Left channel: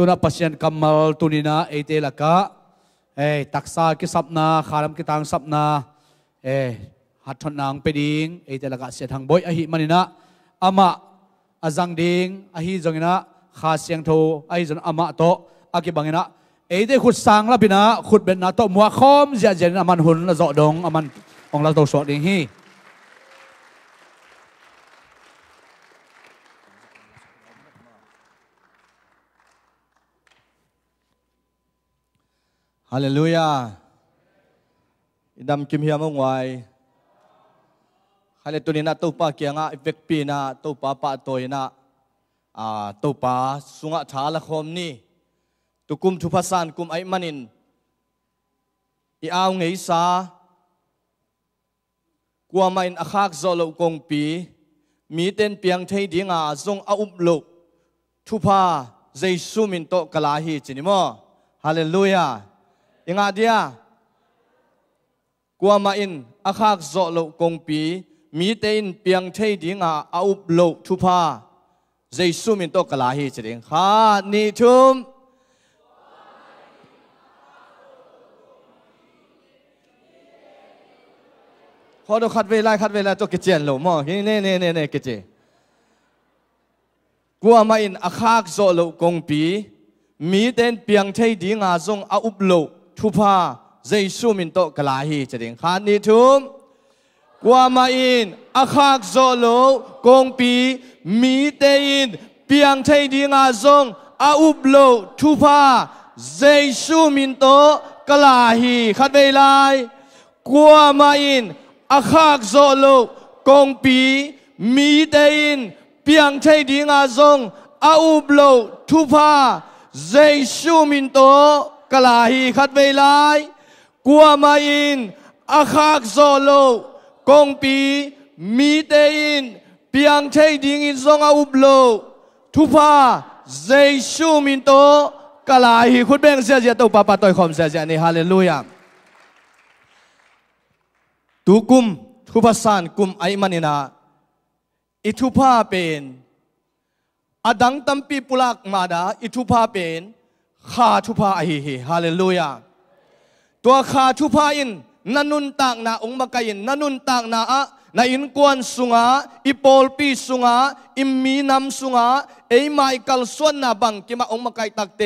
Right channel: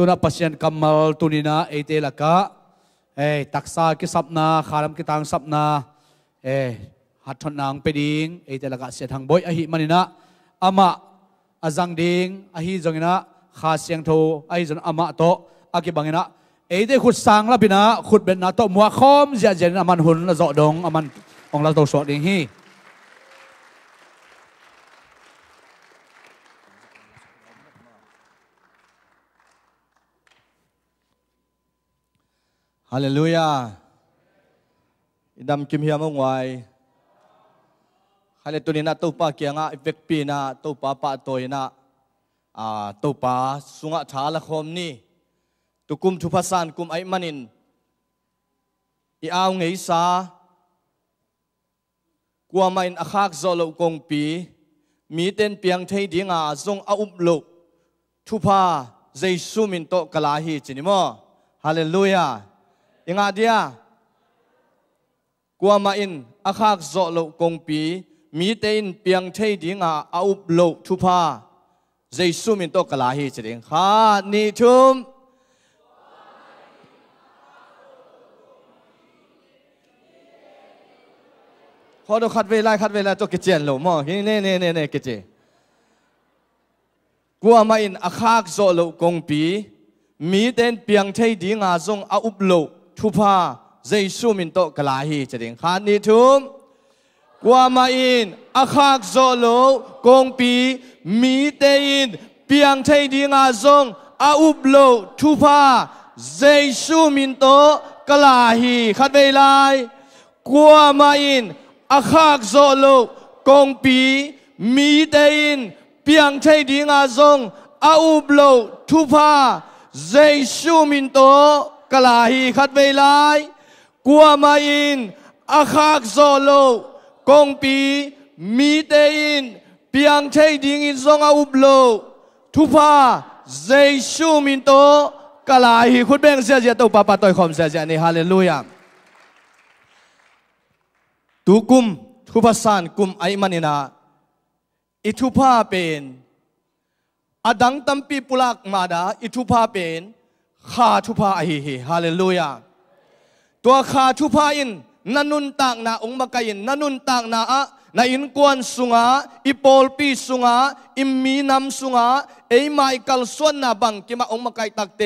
ตุนับปัศยันกัมมัลตุนินาเอเตลักะตักษากิสับนาขารมกิตังสับนาหัดทนางไปดิงเอเตลักะเสียทางบอยอหิมันินะอามาอาจังดิงอหิจังนะขาเสียงโทอหิจันอามาโตอากิบังนะเอเตขุดสังละพินะขุดเป็นนาโตมัวคอมเจเจนอามันหุนละเจาะดงอามันองละโตสอดดิงฮีฮาเลลูยาอิดามกิมเฮียมงไวฮาเลตุนินะตุปาเกียงะอิเวกปีนะตุปาปะโตยนะตุปาสุงะชาละคมนี่ตุกุมทุพัสานกุมไอมันินอีอาวไงซากลัวไม่อาคากโซโลกงปีมีเต้นเปียงเทดิงาทรงอาอุบลุทุพาเจสุมินโตกลาฮีจินิโมฮาเลลูยายังไงเดียกลัวมาอินอาคากโซโลกงปีมีเต้นเปียงเทดิงาอาอุบลุทุพาเจสุมินโตกลาฮีจินิฮานิทุมพอเราขัดเวลาตัวกิจเจนหลงมั้งนี่กิจกัวมาอินอาคากโซโลกงปีมีเต้นเปียงเทดีงาทรงอาอุบโลทุพาเจสุมินโตกลาฮีจะเด้งขานิทุมกัวมาอินอาคากโซโลกงปีมีเต้นเปียงเทดีงาทรงอาอุบโลทุพาเจสุมินโตกลาฮีขัดเวลากัวมาอินอาคากโซโลกงปีมีเต้นเปียงเทดีงาทรงอาอุบโลทุพาเจสุมินโตกลาฮีขัดเวลากัวมาอินอาคากโซโลกงปีมีเต้นเปียงเทดีงาทรงอาอุบโลทุพาเจสุมินโตกลาฮีคุณเบงเสียเจ้าตัวปาต่อยคอมเสียนี่ฮาเลลูยาตุกุมทุพสานกุมไอมันินาอิทุพาเป็นอดังตัมปีปุลักมาดาอิทุพาเป็นขาทุพาอหิฮาเลลูยาตัวขาทุพาอินนันุนตากนาองค์มกายินนันุนตากนานาอินกวนสุงาอิปอลปีสุงาอิมมีนำสุงาเอไมกัลส่วนนาบังกิมาองค์มกายตักเต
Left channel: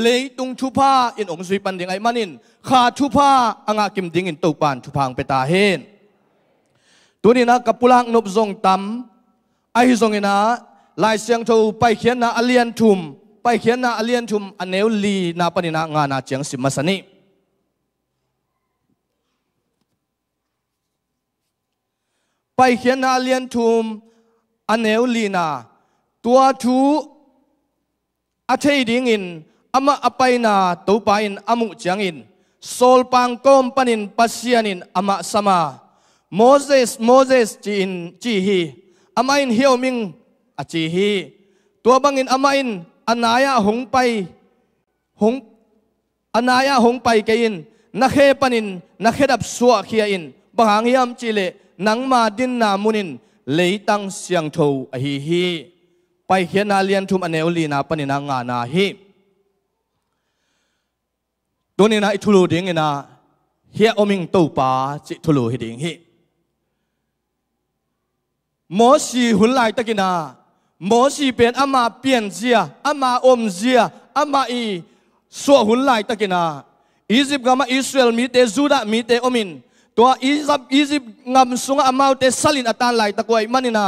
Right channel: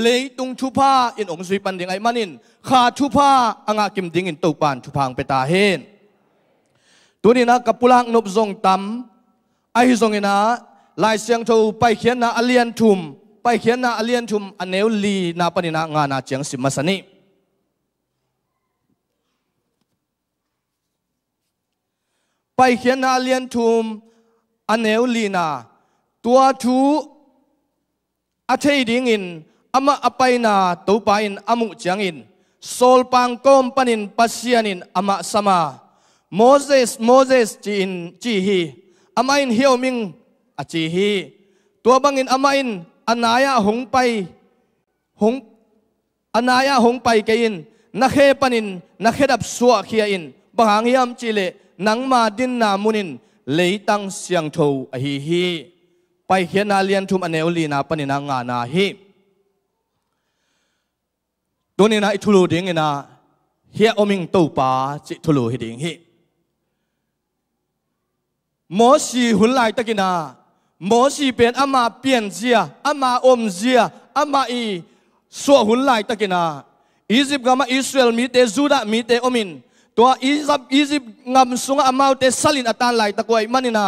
เลยตุงทุพาอินองค์สุยปันดิงไอมันินขาทุพาอ่างกิมดิงอินตุปานทุพังเปตาเฮนตัวนี้นะกับปุลังนบทรงตำไอทรงนะลายเสียงทูไปเขียนนะอเลียนทุมไปเขียนนะอเลียนทุมอันเนวลีนาปนินะงานาเจียงสิมาสนิไปเขียนนะอเลียนทุมอันเนวลีนาตัวทูอาเทดิงอินอามาอไปนาตูปาอินอามุเจียงอินโซลปังกอมปนินปัสยานินอามาสมาโมเสสจีฮีอามาอินเฮียวมิงอจีฮีตัวบังอินอามาอินอนายะหงไปอนายะหงไปเกินนักเฮปนินนักเฮดับสัวเขียอินบางยามจิเลนังมาดินนามุนินเลยตั้งเสียงโทอฮีฮีไปเขียนนาเลียนทุมอเนวลีนาปนินางานาฮีตัวนี้นะอิทุลูดิงนะเฮียอมิงตูปาจิทุลูฮิดิงฮีหมอสีหุ่นลายตะกินาหมอสีเป็นอามาเปลี่ยนเสียอามาอมเสียอามาอีสัวหุ่นลายตะกินาอียิปต์กับมาอิสราเอลมีเตจูดามีเตอมินตัวอียิปต์งำสุงอามาเตสลินอัตานลายตะกวยมันนินา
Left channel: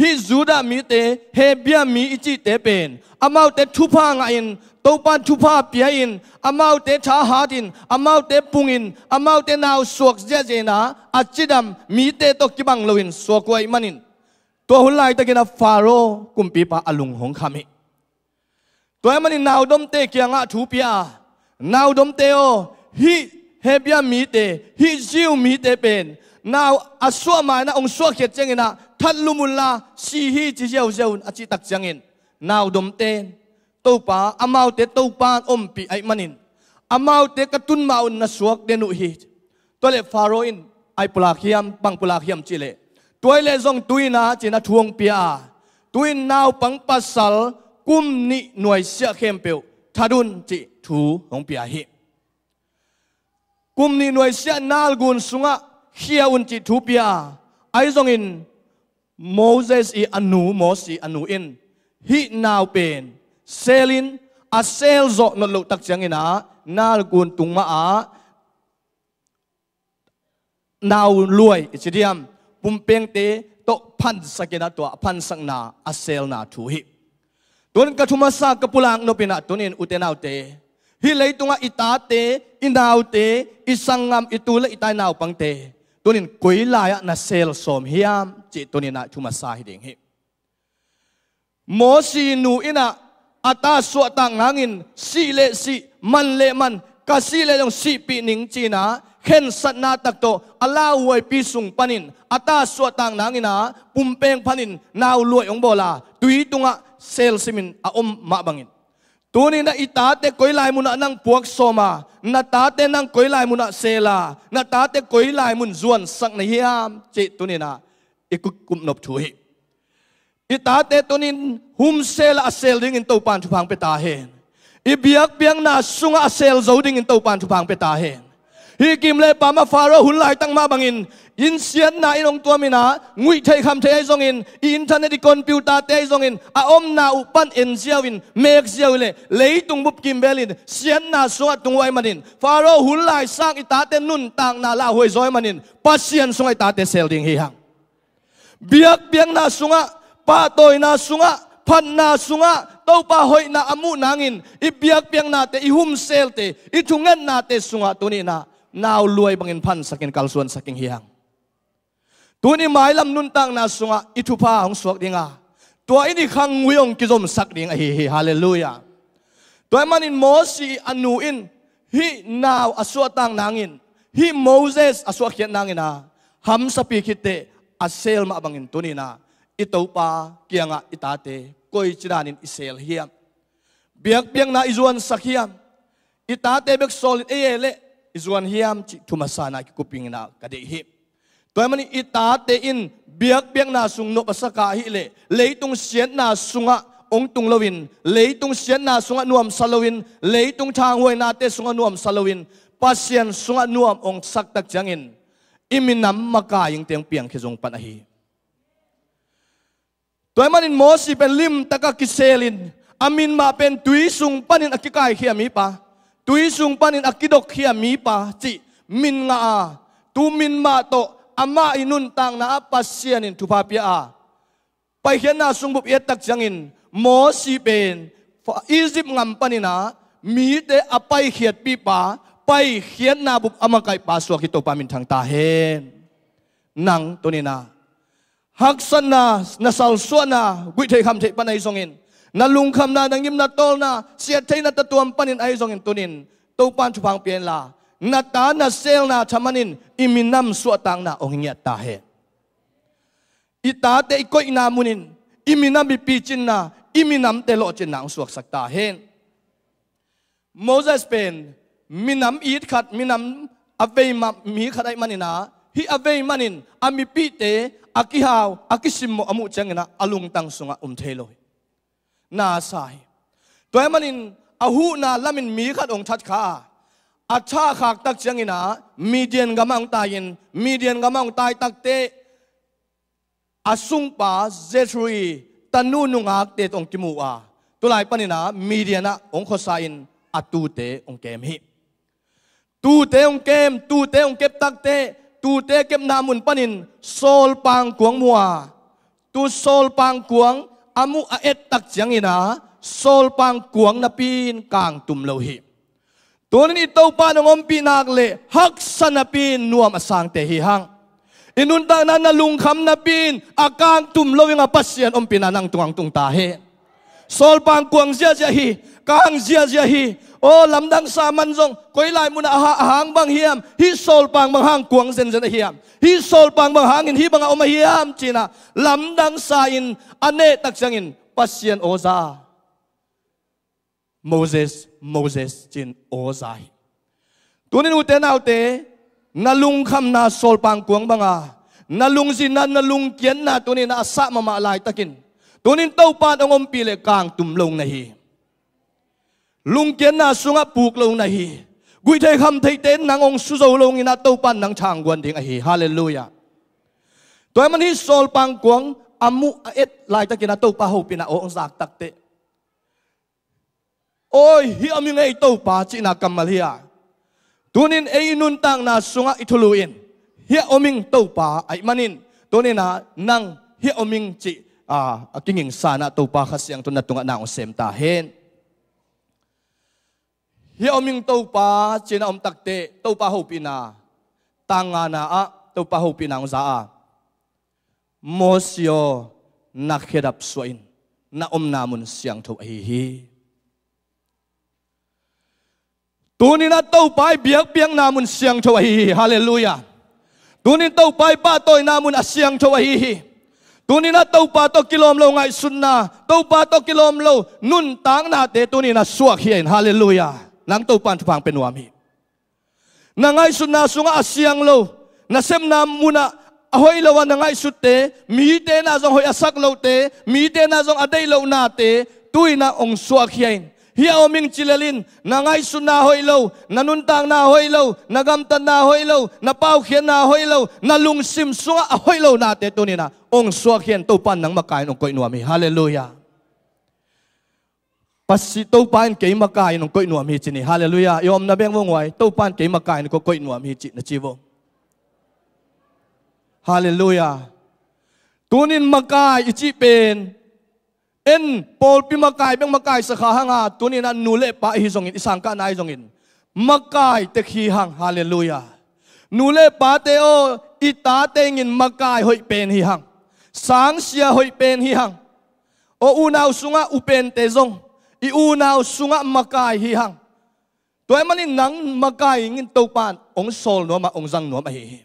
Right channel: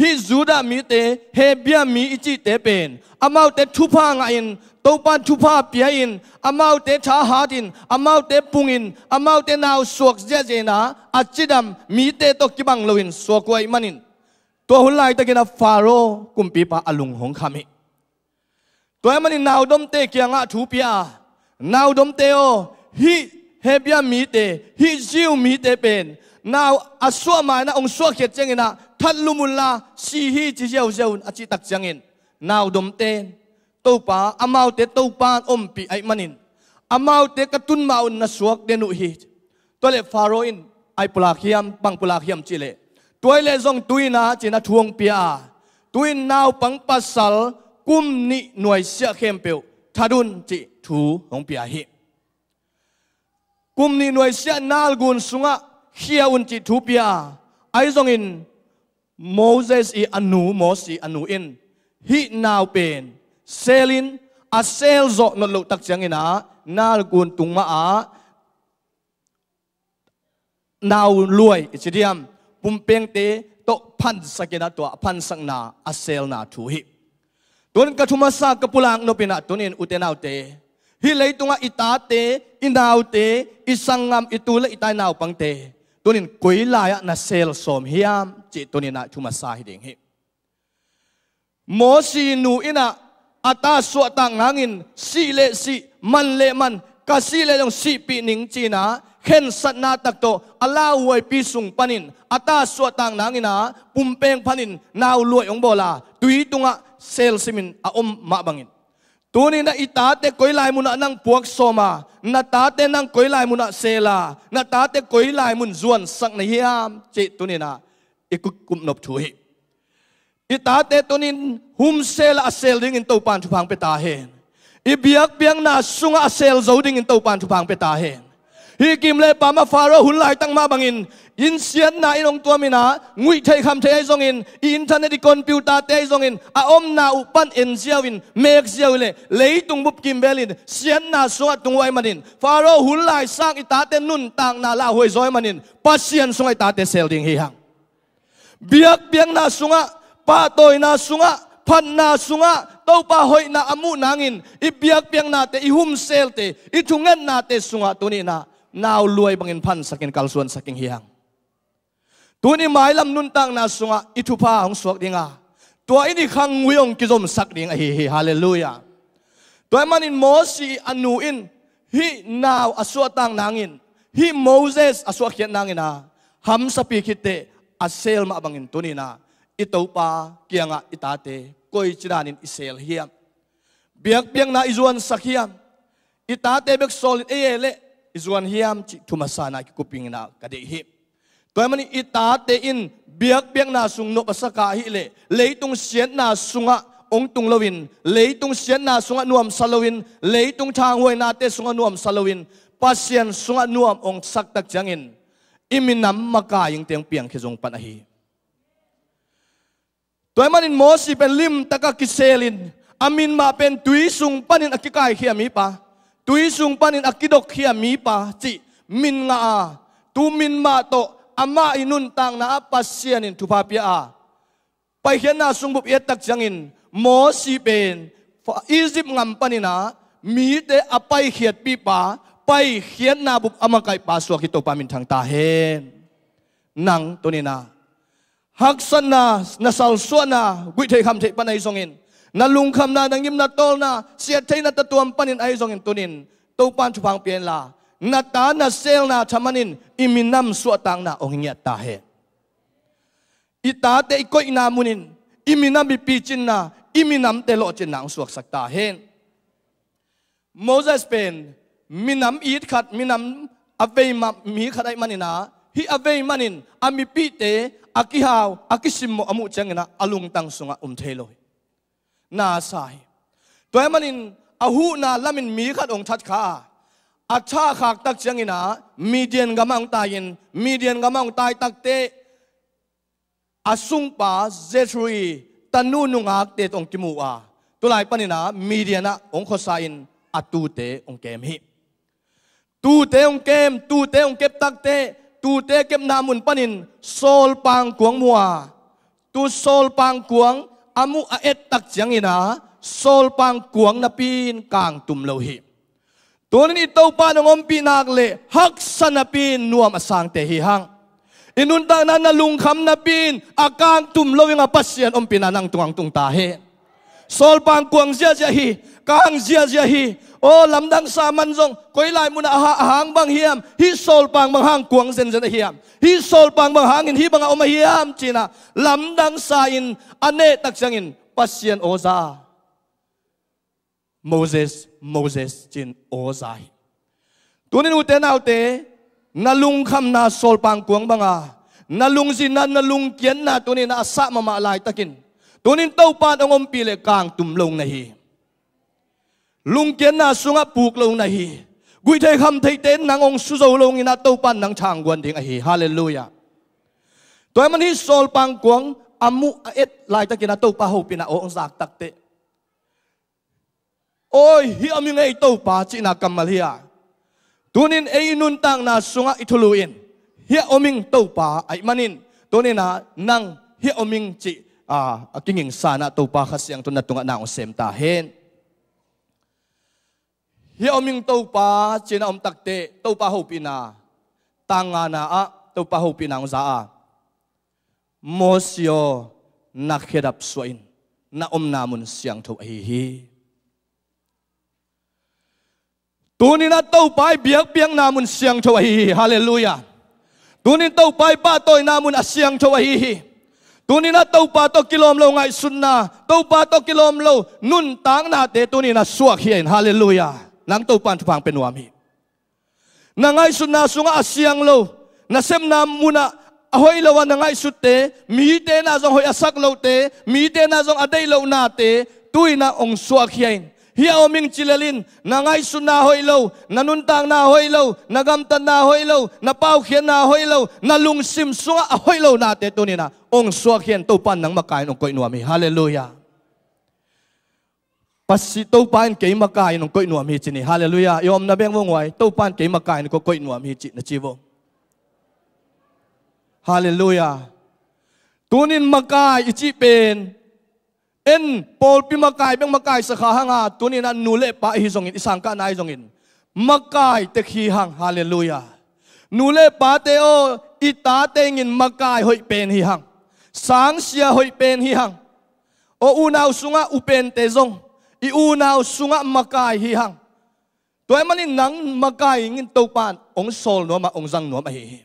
ฮิจูดามีเตเฮเบียมีอิจิเตเป็นอามาเตทุพางอินตัวปันทุพาเปียอินอามาเตชาหาดินอามาเตปุงอินอามาเตนาวสวกเจเจนาอัจจิดัมมีเตตกิบังลวินสวกวยมันนินตัวหุ่นลายตะกินาฟาโรกุมปีปาอลุงหงคามิตัวมันนี่นาวดมเตเกียงะทูปีอานาวดมเตโอฮิเฮเบียมีเตฮิจิวมีเตเป็นนาวอสวมานะองสวเขียเจงินะทัดลุมุลลาซีฮิจิเจวเจวอจิตักจังอินนาวดมเตตัวปาอามาวเตตัวปาอมปีไอมันนินอามาวเตกตุนมาอุนนสวกเดนุฮิตัวเลฟาโรอินไอปุลาคิยมบังปุลาคิยมจิเลตัวเลซงตุยนาจินาทวงเปียตุยนาวปังปัสสัลกุมนิหน่วยเสียเข้มเปียวท thadun chi thu ong pia hi kum ni noi sia nal gun sunga hiaun chi thu pia ai zong in Moses i anu Moses i anu in hi naw pen selin a sel zo no lo tak chang ina nal gun tung ma a naw luai chidiam pumpeng te to phan sakina to phan sang na a sel na thu hi tun ka thuma sa ka pulang no pina tunin utenaw te hi leitunga ita te inaw te isangam itula itai naw pang te tunin koilaya na sel som hiam chi tunina thuma sa hi ding hi mo si nu ina ata so ta ngangin si le si man le man ka si le dong si pi ning china khen sat na tak to ala wai pi sung panin ata so tang nangina pumpeng panin naw luai ong bola tui tunga sel simin a ma bangin tuni na itate koilai muna nang puak soma na tate nang koilai muna sela na tate koilai mun zuan sak na hiam che tuni na ikukum nop thui itate tunin hum sel a sel ding in to pan thu phang pe ta hen ibiak piang na sunga a sel zo ding in to pan thu phang pe ta hen hi kim le pa ma faro hun lai tang ma bangin in sian na inong tua mina ngui thai kham thai zong in internet di computer te zong in a na upan en ziawin mek ziawle leitung bup kim belin sian na sunga tungwai manin faro hun lai sang ita te nun tang na la hoi zoi manin pasian sunga ita te sel ding hi hang biak biang na sunga pa toy na sunga phan na sunga to pa hoi na amu nangin i biak biang na te i hum sel te i thungen na te sunga tuni na naw luai bangin phan sakin kalsuan saking hiang tuni mai lam nun tang na sunga i thu pa hong suak dinga to ini khang wiong ki zom sak ding hi hi hallelujah to manin mosi anu in hi naw aswa tang nangin hi Moses aswa khiat nangina ham sapi khite asel ma bangin tuni na itopa kianga itate koi chiranin isel hiam biak biang na izuan sakhiam itate bek solid ele izuan hiam chi thumasana ki kuping na kade hi toy mani itate in biak biak na sung no pasaka hi le leitung sian na sunga ong tung lowin leitung sian na sunga nuam salowin leitung thang hoi na te sunga nuam salowin pasian sunga nuam ong sak tak changin iminam maka yung teng piang khejong panahi toy manin mosi pen lim taka kiselin amin ma pen tuisung panin akikai khiami pa tuisung panin akidok khiami pa chi min nga a tu min ma to ama inun tang na pasianin thupapia a pai hian na sungbup et tak changin mosi pen Egypt ngam panina mi te apai khiat pi pa pai hian na bup amakai pa suak to pamin thang ta hen nang tonina haksan na nasal suana gui thei kham thei panai songin na lung kham na dangim na tol na sia thei na tatuam panin ai songin tunin to pan chu phang pen la na ta na sel na chamanin iminam suatang na ongnya ta he ita te ko ina munin iminam bi pichin na iminam te lo chin nang suak sak ta hen Moses pen minam it khat minam avei ma mi khatai manina hi avei manin ami pi te akihaw akisim mo amu changena alung tang sunga thelo na sai toy manin ahu na lamin mi khat ong that kha acha khak tak changena Midian gamang tayin Midian gamang tai takte asung pa Zethri tanu nungak te tong kimua tulai panina Midiana ong khosain atute ong kem hi tu te ong kep takte tu te kep namun panin sol pang kuang mua tu sol pang kuang amu a et tak changina sol pang kuang na pin kang tum lo hi tunin ito pa nong pinak le hak sana pin nuam asang te hi hang inunta na nalung kham na pin akang tum lo nga pasyan pinanang tungang tung ta he sol pang kuang zia zia hi kang zia zia hi o lamdang sa manjong koilai muna hang bang hiam hi sol pang bang hang kuang zen zen hiam hi sol pang bang hangin hi bang oma hiam china lamdang sa in ane tak changin pasyan oza Moses chin ozai tunin uten autte nalung kham na sol pang kuang banga nalung zin na nalung kian na tunin asa mama lai takin tunin tau pa ongom pile kang tumlong na hi lung kiến na sunga puk lo na hi gui thei kham thei ten nang ong su zo long ina to pan nang chang gwan ding a hi hallelujah toy man hi sol pang kuang amu et lai ta kina to pa ho pina ong zak tak te oi hi ami ngai to pa chi na kamal hiya tunin ei nun tang na sunga ithuluin hi oming to pa ai manin tonina nang hi oming chi akinging sana to pa khasyang tun na tunga na ong sem ta hen hi oming to pa china om takte to pa ho pina tanga na a to pa ho pina ong za a mosio na khedap suain na om namun siang tho hi tunina to pai biak piang namun siang tho hi hallelujah tunin to pai pa toy namun asyang tho hi tunina to pa to kilom lo ngai sunna to pa to kilom lo nun tang na te tunina suak hian hallelujah nang to pan phang penwam hi na ngai sunna sunga asyang lo na sem nam muna ahoi lo na ngai sutte mi te na jong hoi asak lo te mi te na jong adai lo na te tuina ong suak hian hi oming chilelin na ngai sunna hoi lo na nun tang na hoi lo na gam tan na hoi lo na pau khian na hoi lo na lung sim sunga ahoi lo na te tunina ong suak hian to pan nang makai ong koi nuam hi hallelujah pasi to pan ke makai ong koi nuam hi chini hallelujah yom na beng mongwai to pan ke makai ko koi nuam hi chi na chiwo hallelujah tunin makai ichi pen en pol pi makai beng makai sakha hanga tunina nule pa hi zongin isang ka nai zongin makai te khi hang hallelujah nule pa te o ita te ngin makai hoi pen hi hang sang sia hoi pen hi hang o unaw sunga upen te zong I unaw sunga makai hi hang toy manin nang makai ngin to pan ong sol no ma ong jang no ma hi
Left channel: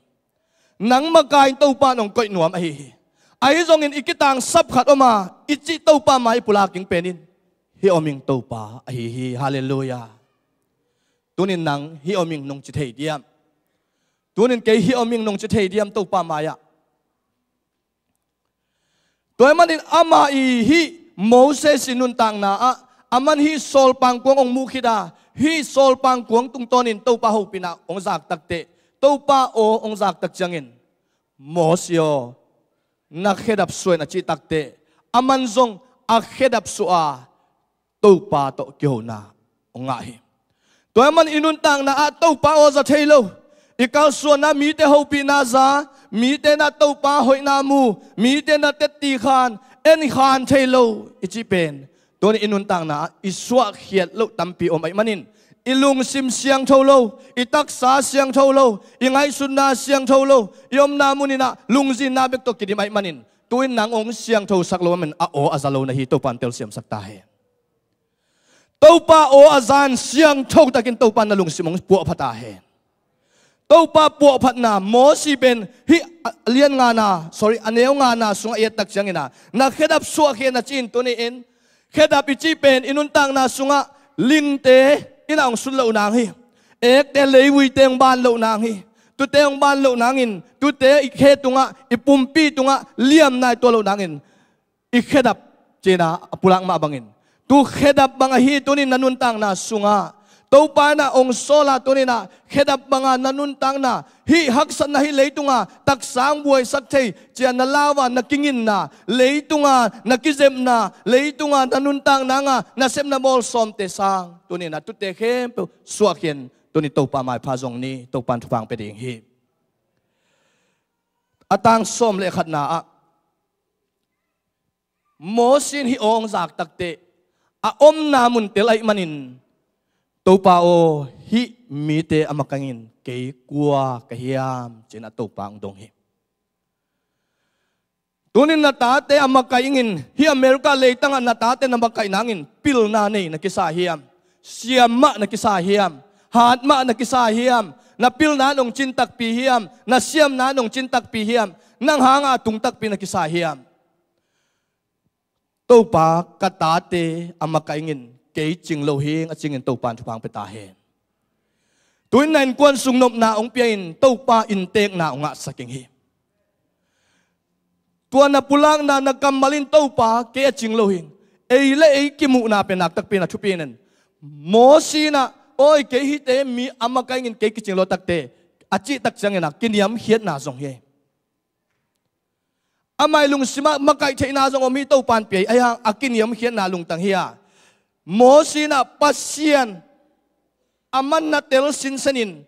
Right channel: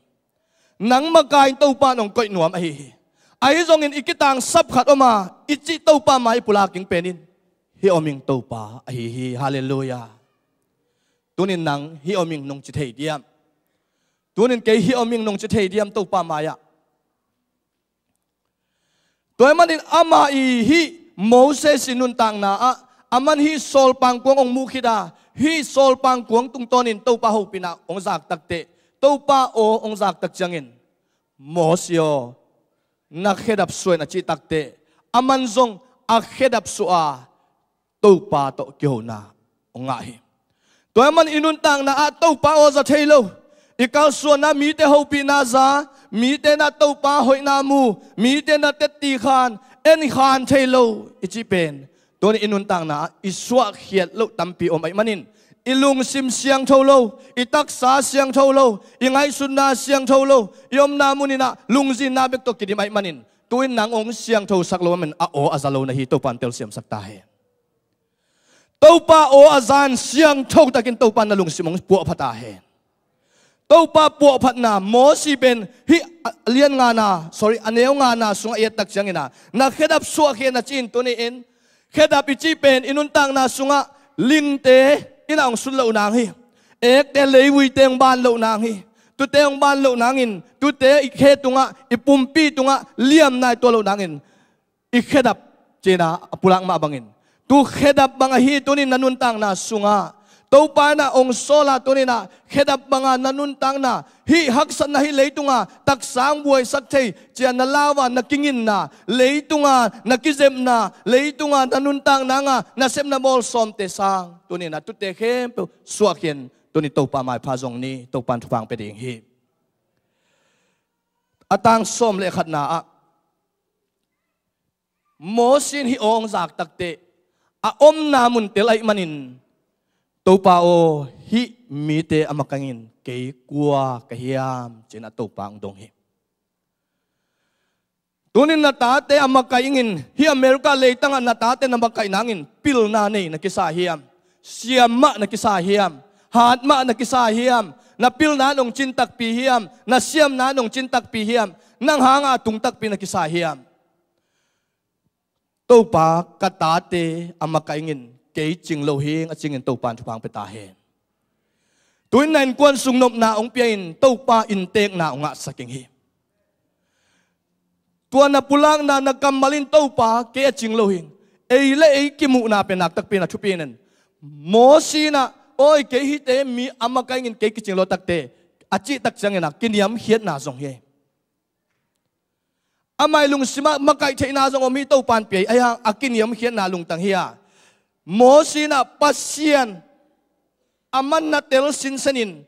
nang makai to pan ong koi no ma hi ai zong in ikitang sap khat oma ichi to pa mai pulaking penin hi oming to pa hi hallelujah tunin nang hi oming nong chi thei diam tunin ke hi oming nong chi thei diam to pa maya toy manin ama hi Moses sinun tang na aman hi sol pang kuang ong mukhida hi sol pang kuang tung tonin to pa ho pina ong zak takte to pa o ong zak tak changin mosio na khedap suai na chi takte aman zong a khedap su'a to pa to kyo na onga hi toy man inun tang na to pa o za thailo ikaw suan na mi te ho pi na za mi te na to pa hoi na mu mi te na te ti khan en khan thailo ichi pen ton inun tang na iswa khiat lo tampi om ai manin ilung sim siang tholo itak sa siang tholo ingai sunna siang tholo yom na munina lungzin na bek to kidim ai manin tuin nang ong siang tho saklo men a o azalo na hi to pan tel siam sakta he to pa o azan siang tho takin to pan na lungsim ong pu phata he to pa pu phat na mo si ben hi lian nga na sorry aneu nga na sunga et tak changina na khedap su khe na chin to ni en khedap ichi pen inun tang na sunga ling te ina ong sun lo nang hi ek te lewi teng ban lo nang hi tu teng ban lo nangin tu te ikhe tunga ipumpi tunga liam nai to lo nangin ikhedap chena apulang ma bangin tu khedap banga hi tunin nanun tang na sunga to pa na ong sola tunina khedap banga nanun tang na hi haksan na hi leitunga tak sang buai sak thei chian na lawa na kingin na leitunga na kizem na leitunga nanun tang na nga na sem na mol som te sang tunina tu te khem suakien tuni to pa mai pha jong ni to pan thupang pe ding hi atang som le khat na a mosin hi ong zak takte a om na mun telai manin to pa o hi mi te amakangin ke kwa kahiam chena to pang dong hi tunin na ta te amakaingin hi America le tanga na ta te na makai nangin pil na nei na kisa hiam siama na kisa hiam hatma na kisa hiam na pil na nong chintak pi hiam na siam na nong chintak pi hiam nang hanga tungtak pi na kisa hiam to pa katate amakaingin ke ching lo hing a chingin to pan thupang peta he tuin nan kwan sung nop na ong piain to pa in tek na nga saking hi tuan na pulang na nagkamalin to pa ke a ching lo hing ei le ei kimu na pe nak tak pe na thupinen mo si na oi ke hi te mi ama kai ngin ke ki ching lo tak te achi tak chang na kiniam hiat na zong he amai lung sima makai the na zong mi to pan pe aya akiniam hiat na lung tang hiya mo si na pasien aman na tel sin sanin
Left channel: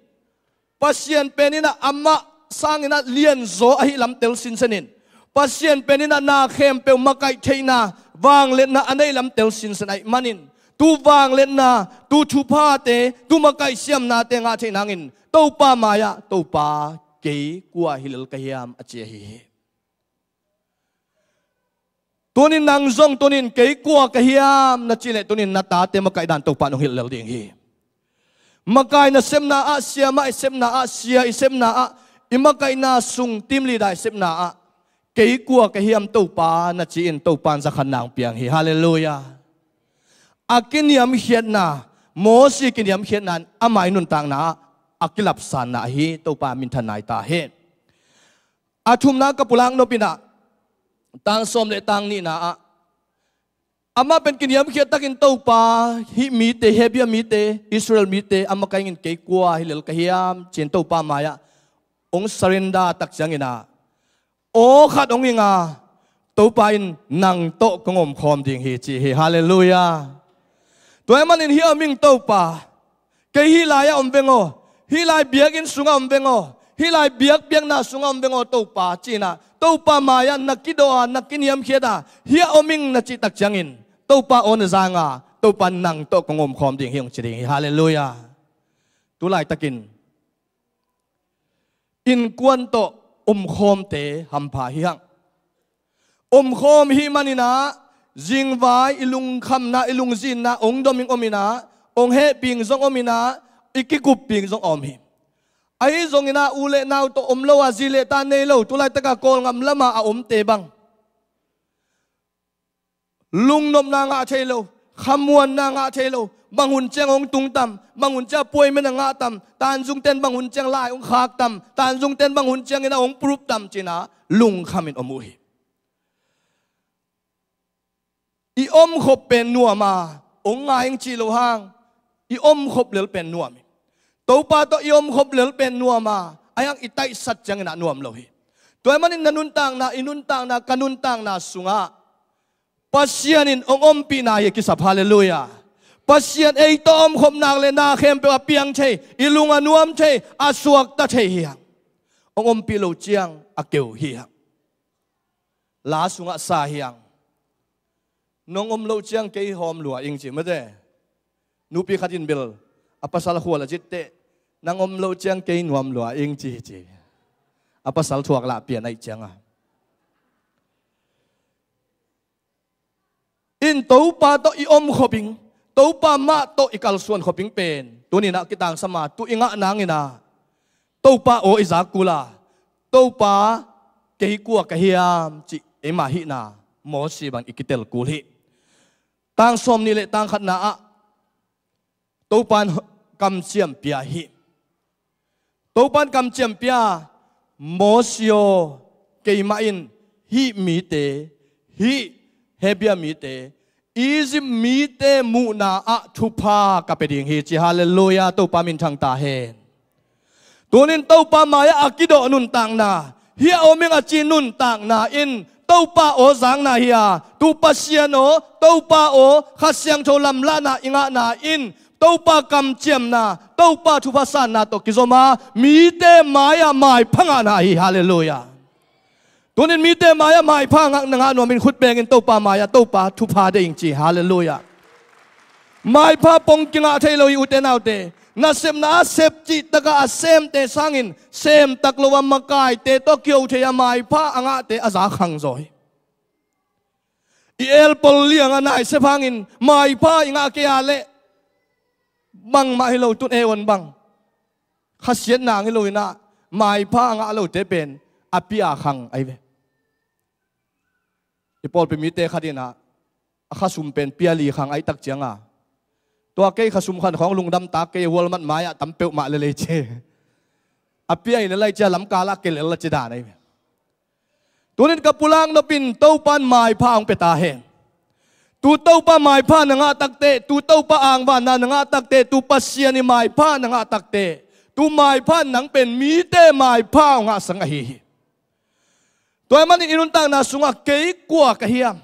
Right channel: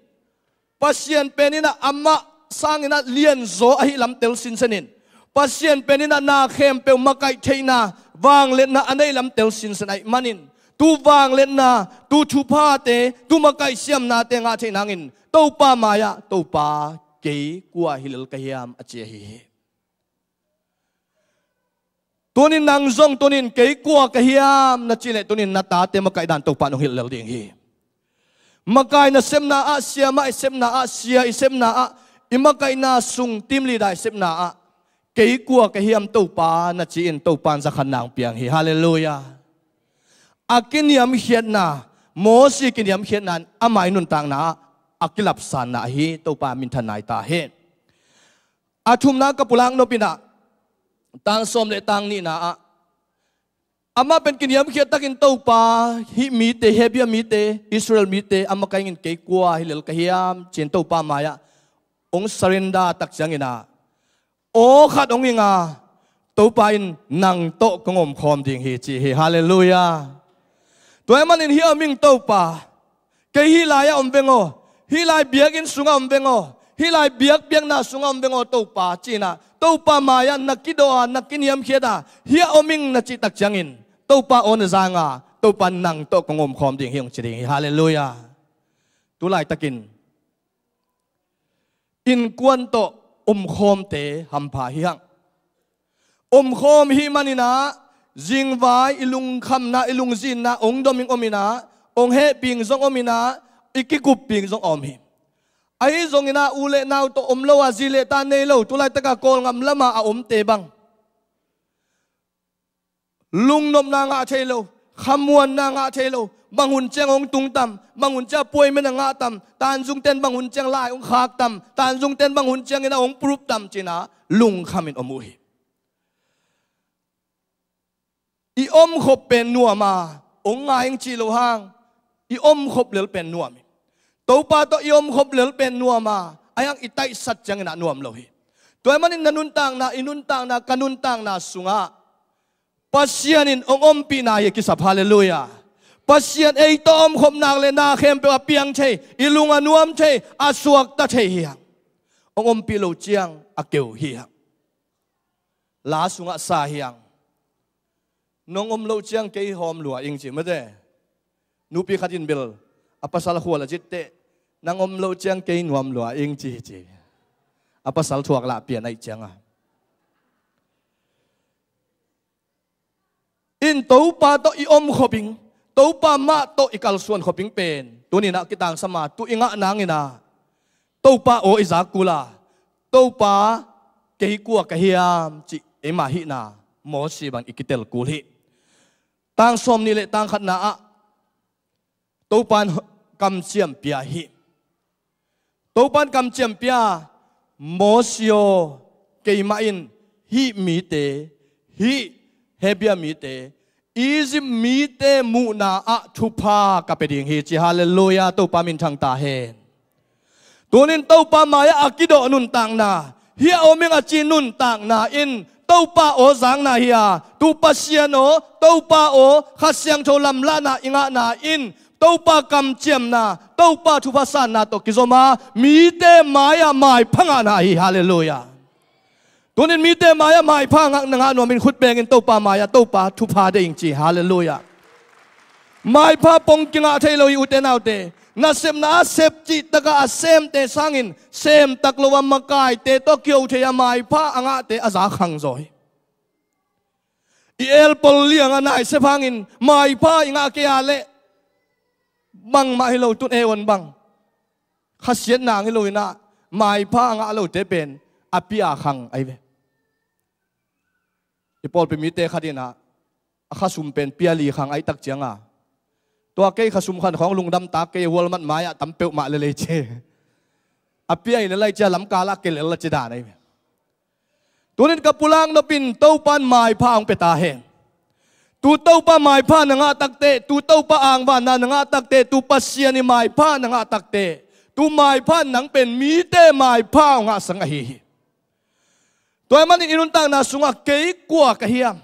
pasien penina amma sangina lian zo ahi lam tel sin sanin pasien penina na khem pe makai the na wang len na anei lam tel sin sanai manin tu wang len na tu thu pha te tu makai siam na te nga the nangin to pa maya to pa ke kwa hilal kahiam ache hi tunin nang zong tunin ke kwa kahiam na chile tunin na ta te makai dan to pa no hilal ding hi makai na semna a sia ma semna a sia semna a imakai na sung tim li dai semna a ke kwa kahiam to pa na chi in to pan za khan nang piang hi hallelujah akiniam hiat na mo si kiniam hiat nan amai nun tang na akilap san na hi to pa min thanai ta he athum na kapulang no pina tang som le tang ni na ama pen kiniam hiat takin to pa hi mi te hebia mi te Israel mi te ama kai ngin ke kwa hilal kahiam chen to pa maya ong sarenda tak changina o khat ong inga to pa in nang to kongom khom ding hi chi hi hallelujah toy manin hi aming to pa ke hi la ya om bengo hi lai biak in sunga om bengo hi lai biak biak na sunga om bengo to pa china to pa maya nakido nakiniam khiada hi oming na chi tak changin to pa on zanga to pa nang to kongom khom ding hiong chring hi hallelujah tu lai takin in kwan to khom te ham pha hi hang khom hi manina jing vai ilung kham na ilung zin na ong doming omina ong he ping zong omina ikikup ping zong om hi ai zong ina ule naw to lo a zile ta nei lo tu lai taka kol ngam lama a te bang lung nom na nga thelo khamuan na nga thelo bangun cheng ong tung tam bangun cha poi men nga tam tan jung ten bangun cheng lai ong khak tam tan jung ten bangun cheng ina ong prup tam china lung khamin omu hi i khop pen nuama ong nga ing chi lo hang i khop lel pen nuam to pa to i khop lel pen nuama ayang itai sat chang na nuam lo hi toy manin nanun tang na inun tang na kanun tang na sunga pasianin ong pi na ye kisap hallelujah pasian ei to khop nang le na khem pe piang che ilunga nuam che asuak ta che hi ong pi lo chiang akeu hi la sunga sa hiang nong lo chiang ke hom lua ing chi made nupi khatin bel apasal khwala jitte nang lo chiang ke nuam lua ing chi chi apasal thuak la pian ai changa in to pa to i khoping to pa ma to ikal suan khoping pen tunina kitang sama tu inga nangina to pa o izakula to pa ke kwa kahiam chi ema hi na mo si bang ikitel kulhi tang som ni le tang khat na a to pan kam chiam pia hi to pan kam chiam pia mo sio ke ma in hi mi te hi hebia mi te Egypt mi te mu na a thupa ka peding hi chi hallelujah to pa min thang ta he tunin to pa maya akido nun tang na hi oming a chin nun tang na in to pa o zang na hiya tu pasiano to pa o khasyang tholam la na inga na in to pa kam chiam na to pa thupa san na to kizoma mi te maya mai phanga na hi hallelujah tunin mi te maya mai phanga nga no min khut beng in to pa maya to pa thupa de ing chi hallelujah mai pha pong kinga thailo yu te nau te na sem na sep chi taka asem te sangin sem taklowa makai te to kyo the ya mai pha anga te aza khang zoi i el pol liang ana se phangin mai pha inga ke ale bang ma hilo tut e won bang khasiat na ngi loina mai pha anga lo te pen apia khang ai ve i pol pe mi te khadina khasum pen piali khang ai tak chianga to ke khasum khan khong lungdam ta ke walmat maya tampeu ma le che apia in lai cha lam kala ke le la che da nai tunin kapulang no pin to pan mai pha ong peta he tu tau pa mai pha na nga takte tu tau pa ang ba na nga takte tu pasien ni mai pha na nga takte tu mai pha nang pen mi te mai pha nga sang hi toy man inun tang na sunga kei kwa ka hiam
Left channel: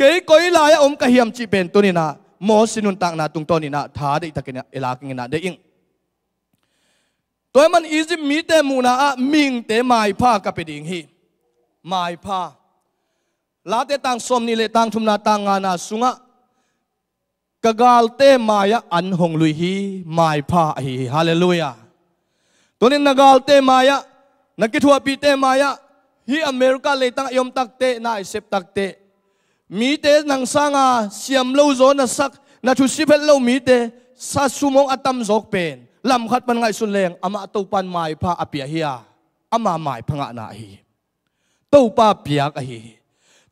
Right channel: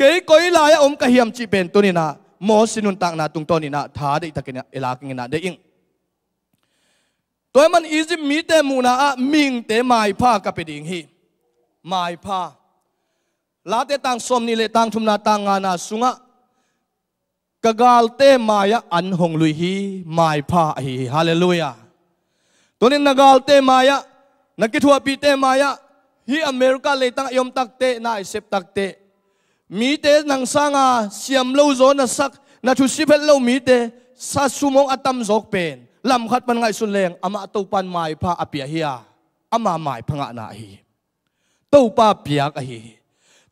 kei koi la ya ka hiam chi pen to ni na mo sinun tang na tung to ni na tha de takina elaking na de ing toy man Egypt mi te mu na a ming te mai pha ka pe ding hi mai pha la te tang som ni le tang thum na tang nga na sunga kagal te maya an hong lui hi mai pha hi hallelujah tonin nagal te maya nakithua pi te maya hi America le tang yom tak te na isep tak te mi te nang sanga siam lo zo na sak na thu sipel lo mi te sa sumong atam zok pen lam khat pan ngai sun leng ama to pan mai pha apia hiya ama mai phanga na hi to pa piak a hi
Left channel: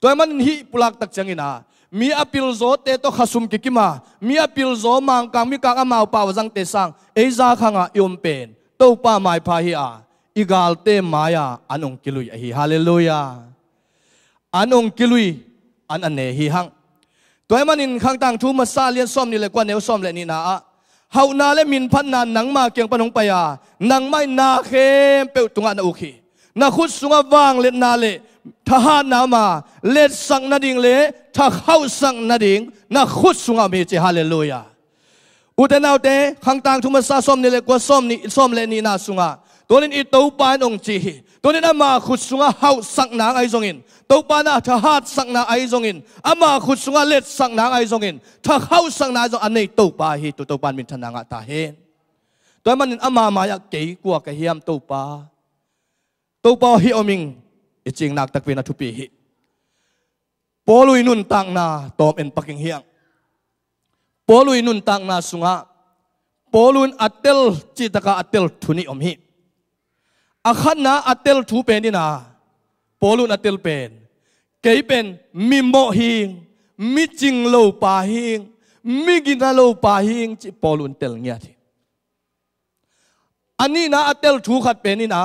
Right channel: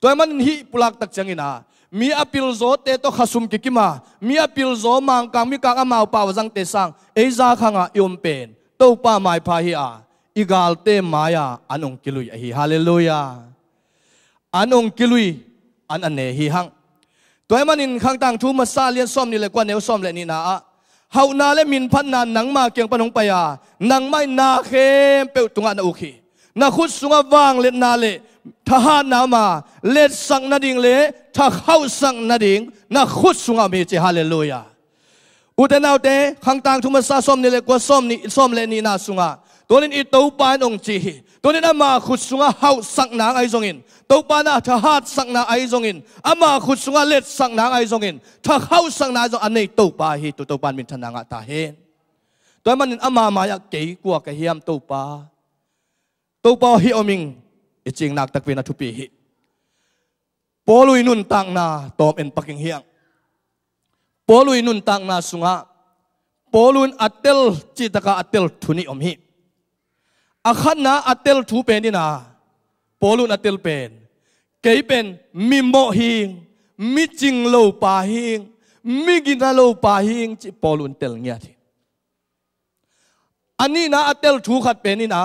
toy man hi pulak tak changina mi apil zo te to khasum kikima mi apil zo mang kang mi kang amau pa wajang te sang eiza khanga yom pen to pa mai pha hi a igal te maya anong kilui a hi hallelujah anong kilui an ane hi hang toy man in khang tang thu ma sa lian som ni le kwa neu som le ni na a hau na le min phan na nang ma kyang panong pa ya nang mai na khem pe tunga na ukhi na khut sunga wang le na le tha na ma le sang na ding le tha khau sang na ding na khut sunga me che hallelujah utenau te khang tang thuma sa som ni le kwa som le ni na sunga tonin I to pan ong chi tonin ama khut sunga hau sang na ai zongin to pa na tha hat sang na ai zongin ama khut sunga le sang na ai zongin tha khau sang na zo anei to pa hi to pan min thana nga ta he toy manin ama ma ya ke kwa ka hiam to pa hi oming iching nak tak pina thupi hi polui nun tang na top en paking hiang polui nun tang na sunga polun atel chitaka atel thuni om hi akhan na atel thu pen ni na polun atel pen kei pen mi mo hing mi ching lo pa hing mi gina lo pa hing chi polun tel nya thi ani na atel thu khat pen ni na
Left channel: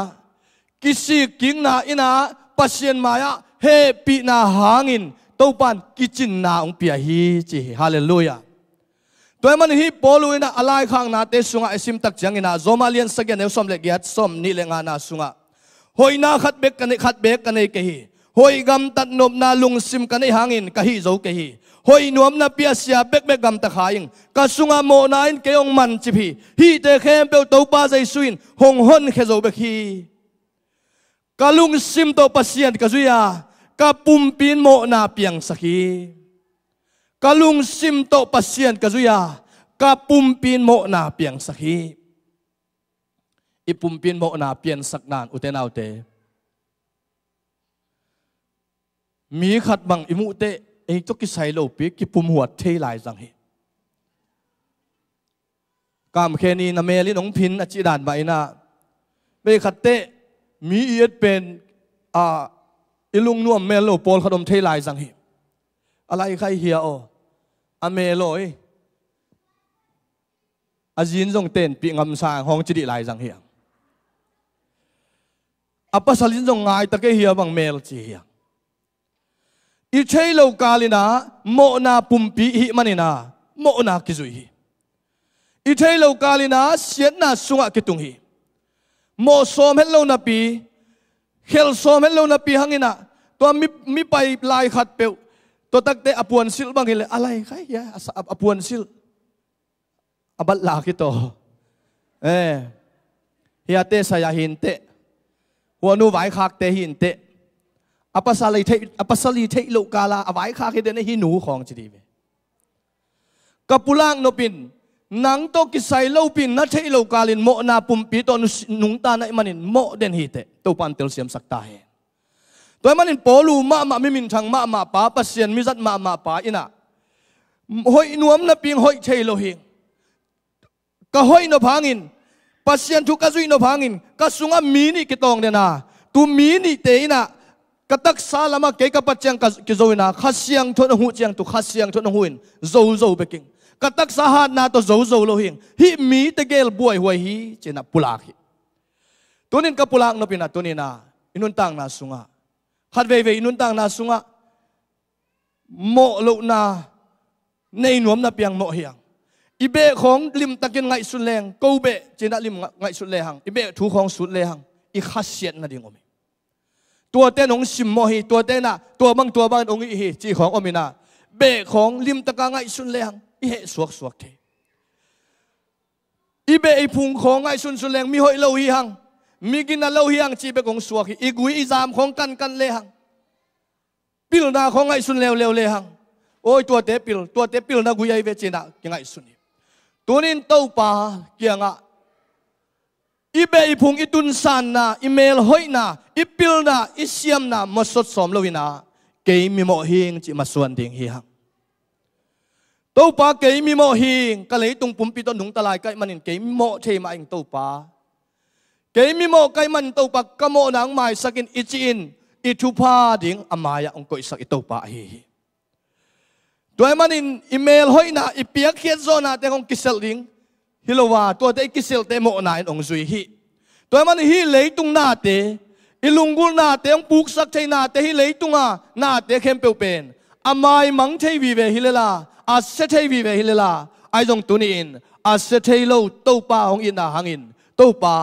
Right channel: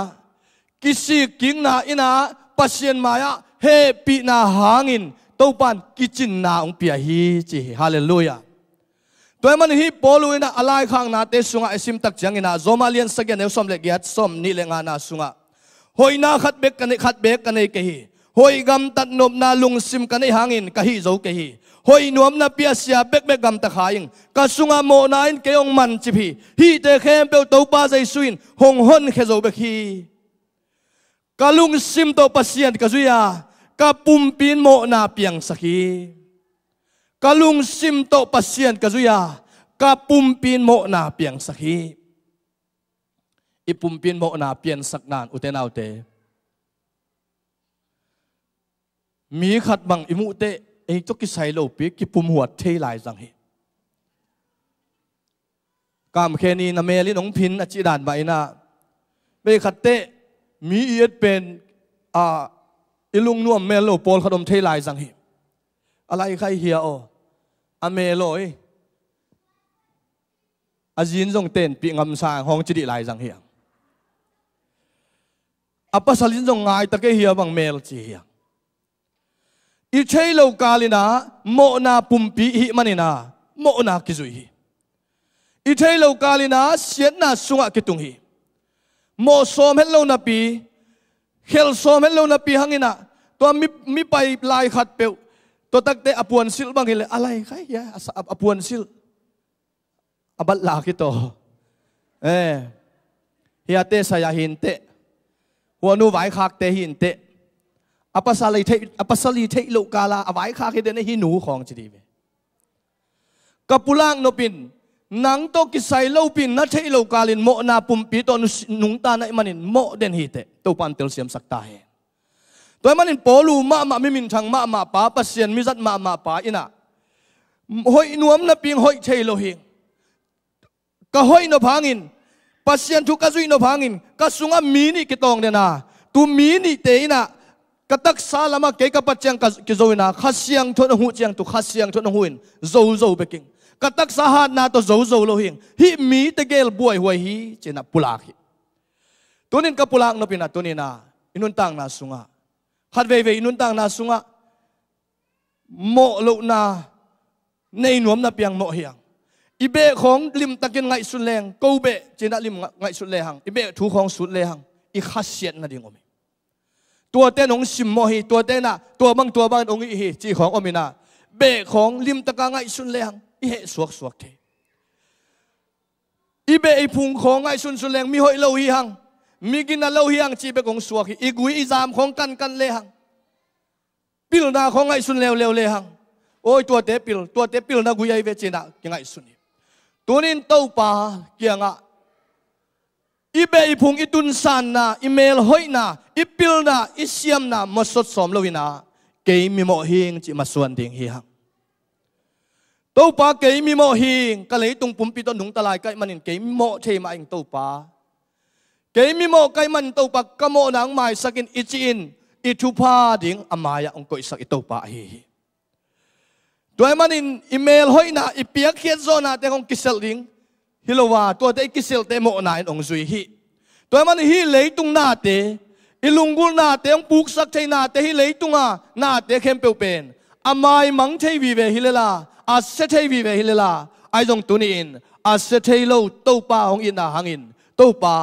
kisi king na ina pasien maya he pi na hangin to pan kitchen na ong pia hi chi hallelujah toy man hi poluina alai khang na te sunga esim tak changina zomalian sagyan ne som le giat som ni le nga na sunga hoina khat bek kanei ke hi hoi gam tat nop na lung sim kanei hangin ka hi zo ke hi hoi nuam na pia sia bek gam ta khaing ka sunga mo na in ke ong man chi hi te khem pe to pa jai suin hong hon khe zo bek hi kalung sim to pasien kazuya kapumpin mo na piang sakhi kalung sim to pasien kazuya kapumpin mo na piang sakhi ipumpin mo na pian saknan utenaw te mi khat bang imu te ei to ki sai lo pi ki pum huat thei lai jang hi kam kheni na meli nong phin a chi dan ba ina be khat te mi iet pen ilung nuam melo pol khadom thei lai jang hi alai khai hia o ameloi azin jong ten pi ngam sa hong chi di lai jang hi apa salin jong ngai ta ke hia bang mel chi hia I chei lo kalina mo na pumpi hi manina mo na kizui hi I chei lo kalina siat na sunga kitung hi mo som hello na pi hel som hello na pi hangina to mi pai lai khat pe to takte apuan sil bang hile alai khai ya apuan sil abal la ki to hiate saya hinte wanu vai khak te hinte apasali thei lo kala avai khak he de hi nu khong chidi be kapulang no pin nang to ki sai lo pin na thei lo kalin mo na pumpi to nung ta na manin mo den hi te to pan tel siam sakta he toy manin polu ma mi min thang ma pa pasien mi zat ma pa ina hoi nuam na ping hoi thei lo hi ka hoi no phangin pasien thu ka zui no phangin ka sunga mi ni ki tong de na tu mi ni te ina katak salama ke ka pachang ka ki zoina khasiang thon hu chiang tu khasiang thon huin zo beking katak sahat na to zo lo hing hi mi te gel boy hoi hi chena pulak hi tunin ka pulak no pina tunina inun tang na sunga khat ve inun tang na sunga โมลุนาในหนวมนับยังโมเฮียงอีเบของลิมตะกินไงสุดแรงกูเบจีน่าลิมไงสุดแรงอีเบถูของสุดแรงอีขัดเสียนนั่นเองอมตัวเต้นองสิมโมฮีตัวเต้นน่ะตัวบางองอีฮีจีของอมินาเบของลิมตะกางไงสุดแรงอีเหสวกเทอีเบอีพุงของไงสุดแรงมีหอยเลวฮีหังมีกินน่ะเลวฮีหังจีเบของสวกอีกุยอีจามของกันเลหังปิลนาของไงสุดเลวเลหังโอ้ยตัวเตปิลนะกุยไอเวจีน่ะยังไงสุดตัวนี้เต้าป่าเกี่ยงอ่ะอีเบอีพุงอีตุนสันนะอีเมลหอยนะอีปิลนะอีเซียมนะมาสดสมเลวินะเกยมีโมหิงจิมาส่วนดิ่งฮีฮังเต้าป่าเกยมีโมหิงก็เลยตุงปุ่มปีต้นหนุงตะลายใกล้มันเกยมีโมเทมาเองเต้าป่าเกยมีโมใกล้มันเต้าป่ากะโมนางไม้สักินอีจีนอีทุพาดิ่งอามายาองกุยสักอีเต้าป่าฮีตัวมันอีเมลหอยนะอีเปียกเขียนโซนาแต่ของกิเซลดิ่งฮิโลวาตัวเตกิเซลเตโมนายองซุยฮีตัวมันฮีเลยตุงนาเตอิลุงกุลนาเตองปุกสักเทนาเตฮีเลยตุงานาเตเข้มเปวเป็นอามายมังเทวีเวฮิเลลาอาเซเทวีเวฮิเลลาไอจงตุนีอินอาเซเทโลโตปาของอินนาหังอินโตปา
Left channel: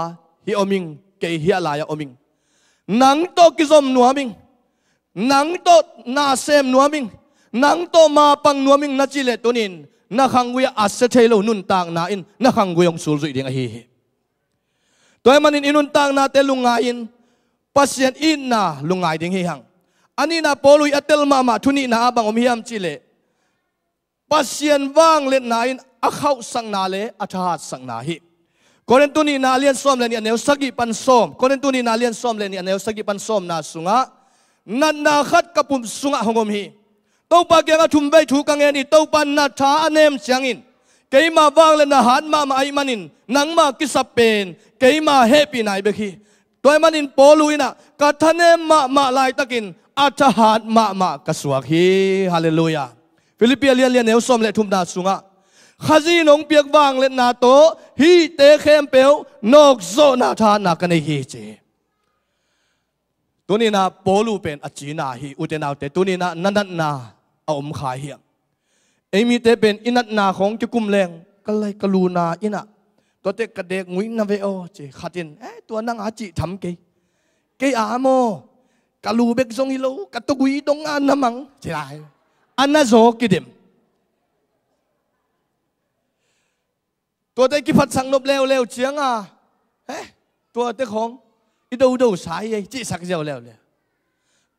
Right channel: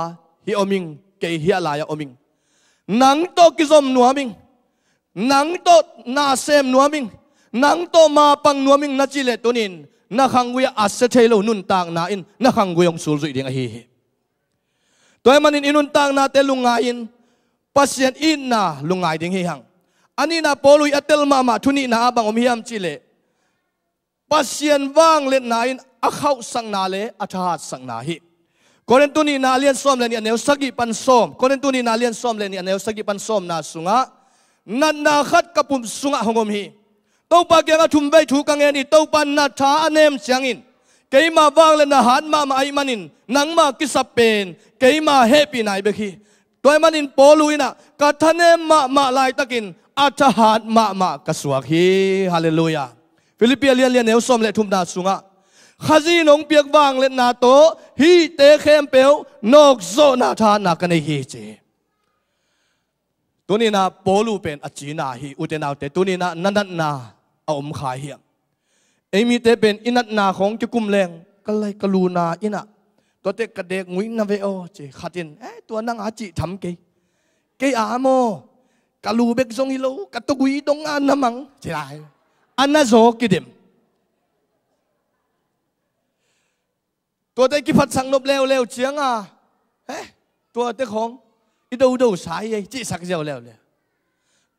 ฮิอมิงเกฮิอาลายอมิงนังโตกิซอมนัวมิงนังโตนาเซมนัวมิงนังโตมาปังนัวมิงนัจิเลตุนินนักขังกุยอาเซเทโลนุนตางนาอินนักขังกุยองสูรุยดิ่งฮีตัวมันอินุนตางนาเตลุงไงอินปัสยันอินนาลุงไงดิ่งฮีหังอันนี้นาโปลุยอัตเตลมามาทุนีนาบังอมฮิยามจิเลปัสยันว่างเล่นนาอินอักเข้าสังนาเลอัฐหัดสังนาฮีคนนั้นตุนีนาเลียนซ้อมเลนี่อันเนวสกิปันซ้อมคนนั้นตุนีนาเลียนซ้อมเลนี่อันเนวสกิปันซ้อมนาสุงะนันนาขัดกับปุ่มสุงะหงอมฮีเต้าปากยังทุ่มไปถูกกังเงินนี่เต้าปันนาท้าอันเนมเสียงอินเกยมาว่างเลยนะหันมาไอมันินนังมากิสับเป็นเกยมาเฮปีนายเบคีตัวมันินโปลุยนะกัทเนมมาลายตะกินอัฐหัดมากระสวกฮีฮาเลลูยาฟิลิปเปียเลียนเนวซ้อมเลทุ่มนาสุงะข้าจีนงเปียกว่างเลยนาโตฮีเตเข้มเปียวนกโซนาทานักในฮีเจตัวนี้นะโปลูเป็นอจีนาฮีอุเทนาเตตัวนี้นะนันนาเอาอมขายเหี้ยไอมีเตเป็นอินัดนาของจะกุมแรงก็เลยกลูนาอินะตัวเด็กกระเด็กงุ้ยนาเวโอเจขัดอินตัวนั่งอาจิทำเกยอาโมกลูเบกซงฮิโลกัตกุยตรงอันน้ำมังใช่อันน่าโจกิดิมตัวเด็กกิพัดสังนบเลวเจียงตัวเด็กของอีดูสายจีสักเจ้าเลว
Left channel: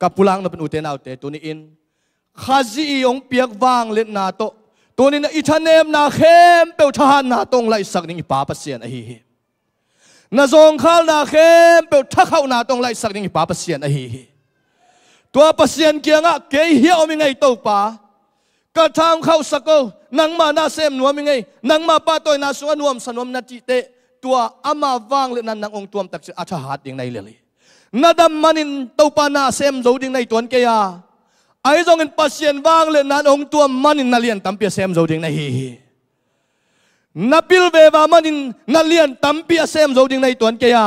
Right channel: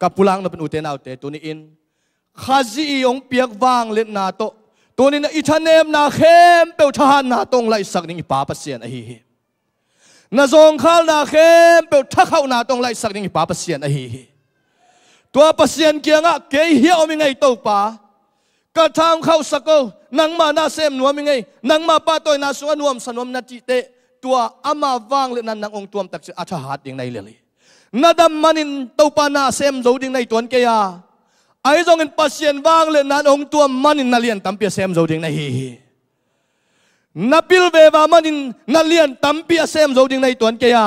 กับปุลังนเป็นอุเทนเอาเตตัวนี้อินข้าจียงเปียกวางเล่นนาโตตัวนี้นะอิทานเนมนาเข้มเปลทหารนาตงไล่สักนิ่งป่าปัสเซียนฮีนาจงข้านาเข้มเปลทักเข้านาตงไล่สักนิ่งป่าปัสเซียนฮีตัวปัสเซียนเกียงะเกยเฮียอมิงไงโตป่ากระทำเข้าสักก็นังมานาเซมนัวมิงไงนังมาป้าตัวนาสุวรรณวมสนวมนาจิเตตัวอามาวางเล่นนังองตัวมตักเสอาชหัดยังไงเลยนาดำมันินโตปานาเซมโจดิงในตัวเกียไอ้จงเงินปัสยันว่างเลยนั้นองตัวมันอินนาเลียนตั้มเปียเซมโจดิงในฮีนับพิลเววามันอินนาเลียนตั้มเปียเซมโจดิงในตัวเกีย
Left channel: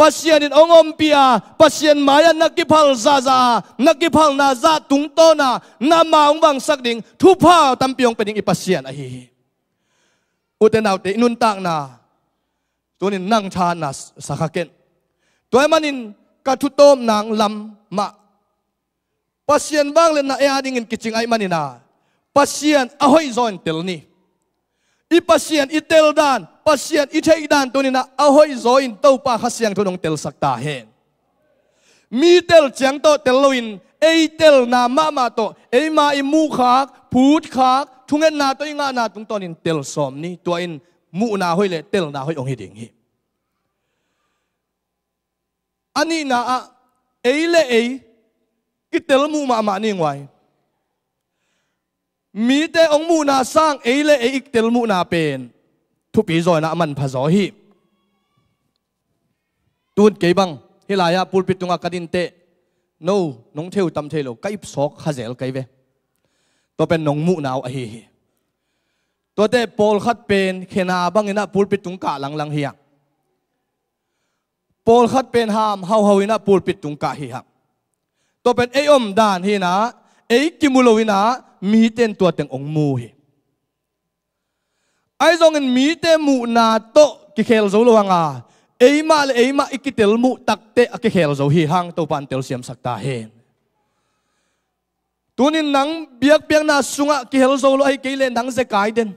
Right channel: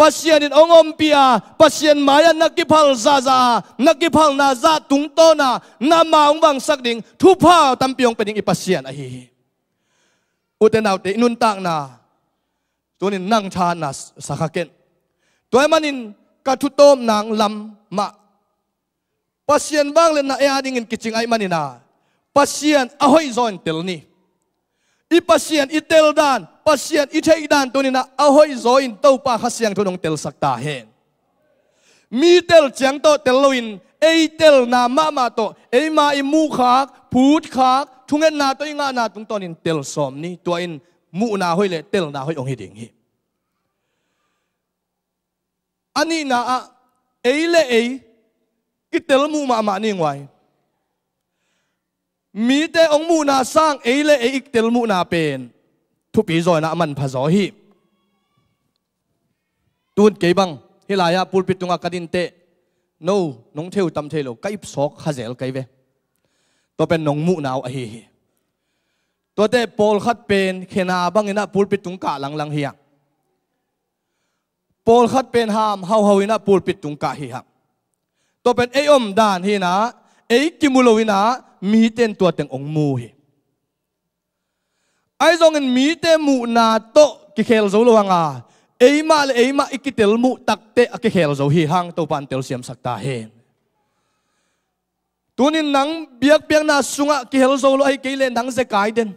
ปัสยันอินองอมเปียปัสยันมายันนักกิพัลซานักกิพัลนาซาตุงโตนานามาองบังสักดิ่งทุพาตั้มเปียงเป็นดิ่งปัสยันฮีอุตนาวเตนุนตังนาตัวนี้นั่งชานาสักเกนตัวมันอินกัตุโตมนางลำมาปัสยันบางเลนนะเออาดิ่งกิจงไอมันนี่นะปัสยันอหอยซอนเตลนี่อีปัสยันอีเตลดานปัสยันอีเทอีดานตัวนี้นะอหอยซอนเต้าปาขัสยังทุนงเตลสักตาเฮนมีเตลจังโตเตลวินเอเตลนามาโตเอมาอิมูขากพูดขากทุงเงินนาตัวอิงานาตุงตอนินเตลสอมนี่ตัวอินมูนาหอยเลเตลนาหอยองฮิดิ่งฮีอันนี้นะเอเลเอกิเตลมูมานิ่งไว้มีแต่องมูนาสร้างเอเลเอกิเตลมูนาเป็นทุกปีจอยนะมันพะจอฮีตูนเก็บังเฮลายาปูลปิดตรงอากาดินเตโน่น้องเทวตำเทโลไก่ซอกขะเจลไก่เวตัวเป็นน้องมูนาวฮีตัวเตปอลขัดเป็นเขนาบังอินะปูลปิดตรงกะหลังเฮียปอลขัดเป็นหามเฮาอินะปูลปิดตรงกะเฮียตัวเป็นเออมดานฮีนะเ กิมุโลวินามีเต็นตัวเต็งองมูฮีไอ้จงเงินมีเตมูนาโตกิเคลโซลวังมาเลยมาอิกิเตลมูตักเตะกิเคลโซฮีหังตัวปันเตลเสียมสักตาเฮนตัวนี้นังเบียกเบียงนาสุงะกิเคลโซโลไอ้กิเลนังเซกายเดน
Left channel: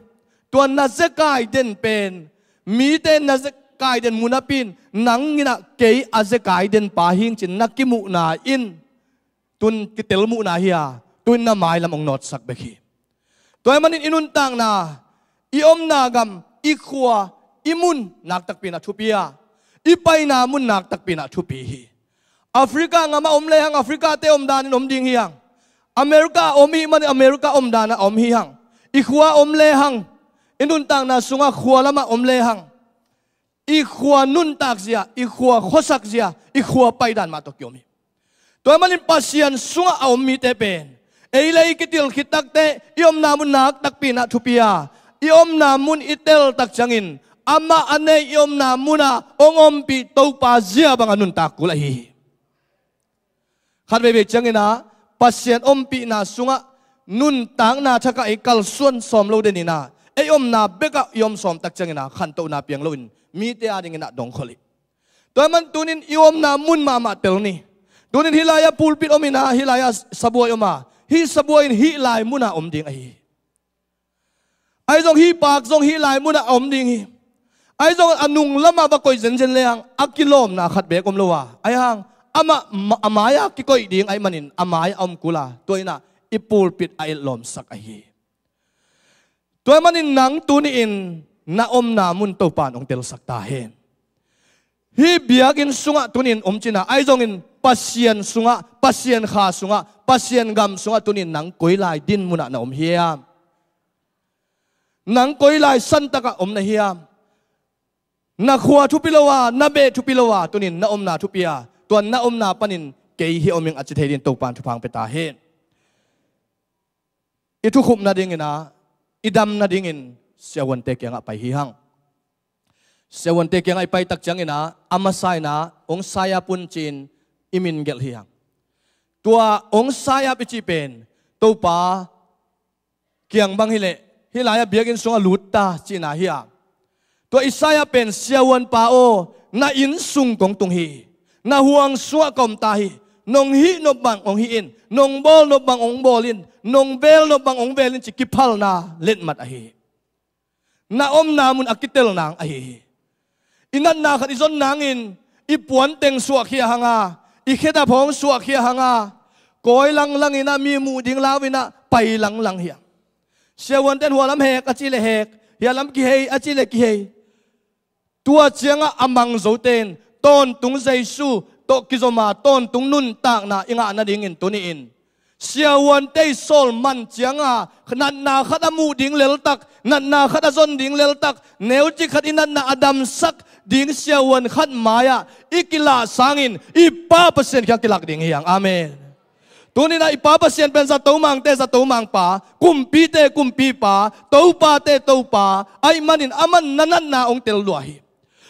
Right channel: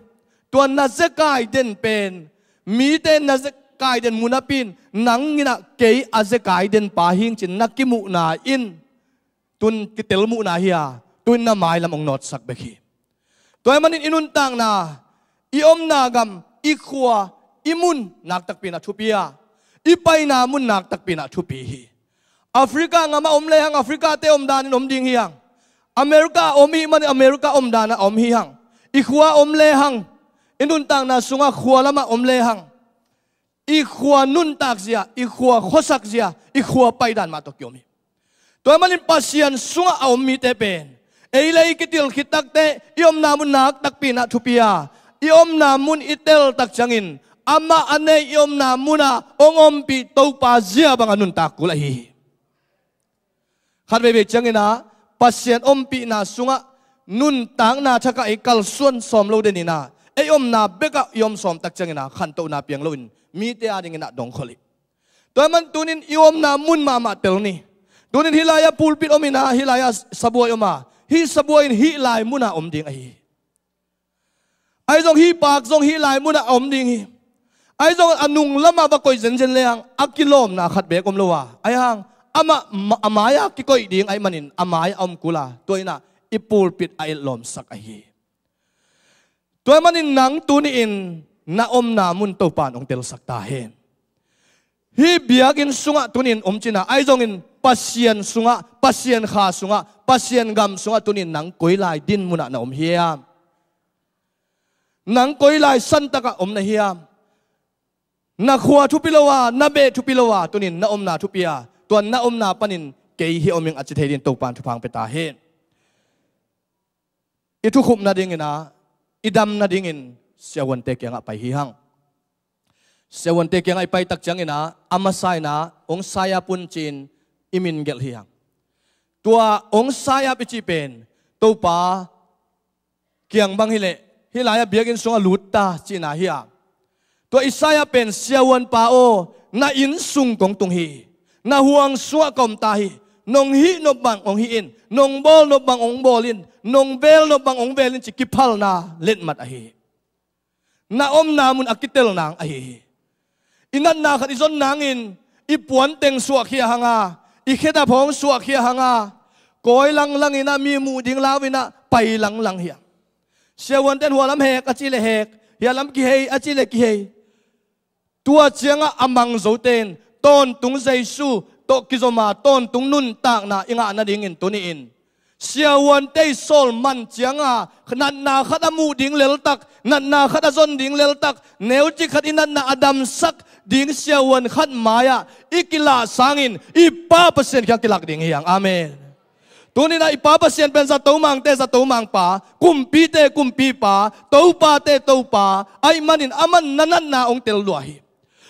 ตัวนาเซกายเดนเป็นมีเตนาเซกายเดนมุนาปินนังงินะเกยอาเซกายเดนปาหิงจินนักกิมูนาอินตุนกิเตลมูนาเฮียตุนนาไม้ลำองนอดสักเบกีตัวมันอินุนตังนาอีอมนากำอีขวาอีมุนนักตักปีนักทุปียอีไปนามุนนักตักปีนักทุปีแอฟริกางามาอมเลหังแอฟริกาเตอมดานินอมดิงเฮียงอเมริกาอมฮีมันอเมริกาอมดานะอมฮีหังอีขวาอมเลหังอินุนตังนาสุงะขวาละมาอมเลหังอีขวานุนตักเสียอีขวาขสักเสียอีขวาไปดานมาตกยมีตัวมันอินปัสยันสุงะอมมีเตเป็นเอเลยกิติลคิตักเตยอมนามุนนักตักปีนักทุปียยอมนามุนอิเตลตักจังอินอามาอันเนยอมนามุนาองอมปีโตปาเจียบังอนุนตักกุลาฮีขัดไปเบจังอินะปัสยันอมปีนาสุงะนุนตังนาชักไอคัลส่วนสอมโลเดนินาไออมนาเบกะยอมสอมตักจังอินะขันโตนาเปียงโลอินมีเตอาดิงอินะดงขลิตัวมันตุนินยอมนามุนมาเตลนี่ตุนินฮิลายาปูลปิดอมินาฮิลายาสบวยอมาฮิสบวยฮิลายมุนาอมดิงไอจงฮีปากจงฮีลายมุนอมดิงฮีไอจงอนุงละมาบะกอยเซนเซนเลงอักกิโลมนาขัดเบกอมโลวาไอฮังอามายากิกอยดิงไอมันินอามายอมกุลาตัวน่ะอิปูลปิดไอลมสักไอฮีตัวมันินนังตุนิอินนาอมนามุนโตปานองเตลสักตาเฮฮีเบียกินสุงะตุนินอมจินาไอจงอินปัสยันสุงะปัสยันขาสุงะปัสยันกำสุงะตุนินนังกอยลายดินมุนะนาอมเฮียนังกอยลายสันตะกะอมนะเฮียนักขัวทุปิโลวานาเบทุปิโลวาตัวนี้นาอมนาทุปิยาตัวนาอมนาปนินเกยฮิอมิงอัจเทดินตกปานทุพังไปตาเฮอิทุขุมนาดิ่งนะอิดำนาดิ่งเสียวันเตกยังไปฮิฮังเสียวันเตกยังไปตักจังนะอามาไซนะองไซยาปุนจินอิมินเกลฮิฮังตัวองไซยาปิจิเป็นตัวป้าเกียงบังฮิเลฮิลายาเบียกินสงลุตตาจีนาฮิยาตัวอิสายาเป็นเสียวันป้าโอนาอินสุงกงตุงฮีนาห่วงสัวกอมตาฮีนงฮีนบังองฮีอินนงบอลนบังองบอลินนงเบลนบังองเบลินจิกิพัลนาเล่นมัดอฮีนาอมนามุนอากิเตลนางอฮีอินันนาขัดอิซอนนางอินอิปวนเต็งสัวเขียหังาอิเคดาพองสัวเขียหังากอยลังลังอินามีมูดิงลาวินะไปลังลังเฮียเสียวันเต็นหัวลำเฮกอจิเลเฮกเฮียลำกิเฮอจิเลกิเฮตัวเจียงอามังโจเตนต้นตุงใจสู้โตกิโจมาต้นตุงนุนตากนาอิงานาดิ่งอินตัวนี้อินเสียวันเตยโซลมันเจียงขนาดนาขัดมูดิ่งเลลตักนัดนาขัดจนดิ่งเลลตักเนวจิขัดอินัดนาอดัมสักดิ่งเสียวันขัดมายาอิกิลาสังอินอีป้าเปอร์เซ็นต์แค่กิลักดิ่งเฮียงอาเมนตัวนี้นะอีป้าเปอร์เซ็นต์เป็นสัตว์มังเตสัตว์มังป่ากุมปีเตกุมปีป่าตัวป่าเตตัวป่าไอมันอินอามันนันนาองเตลลวฮี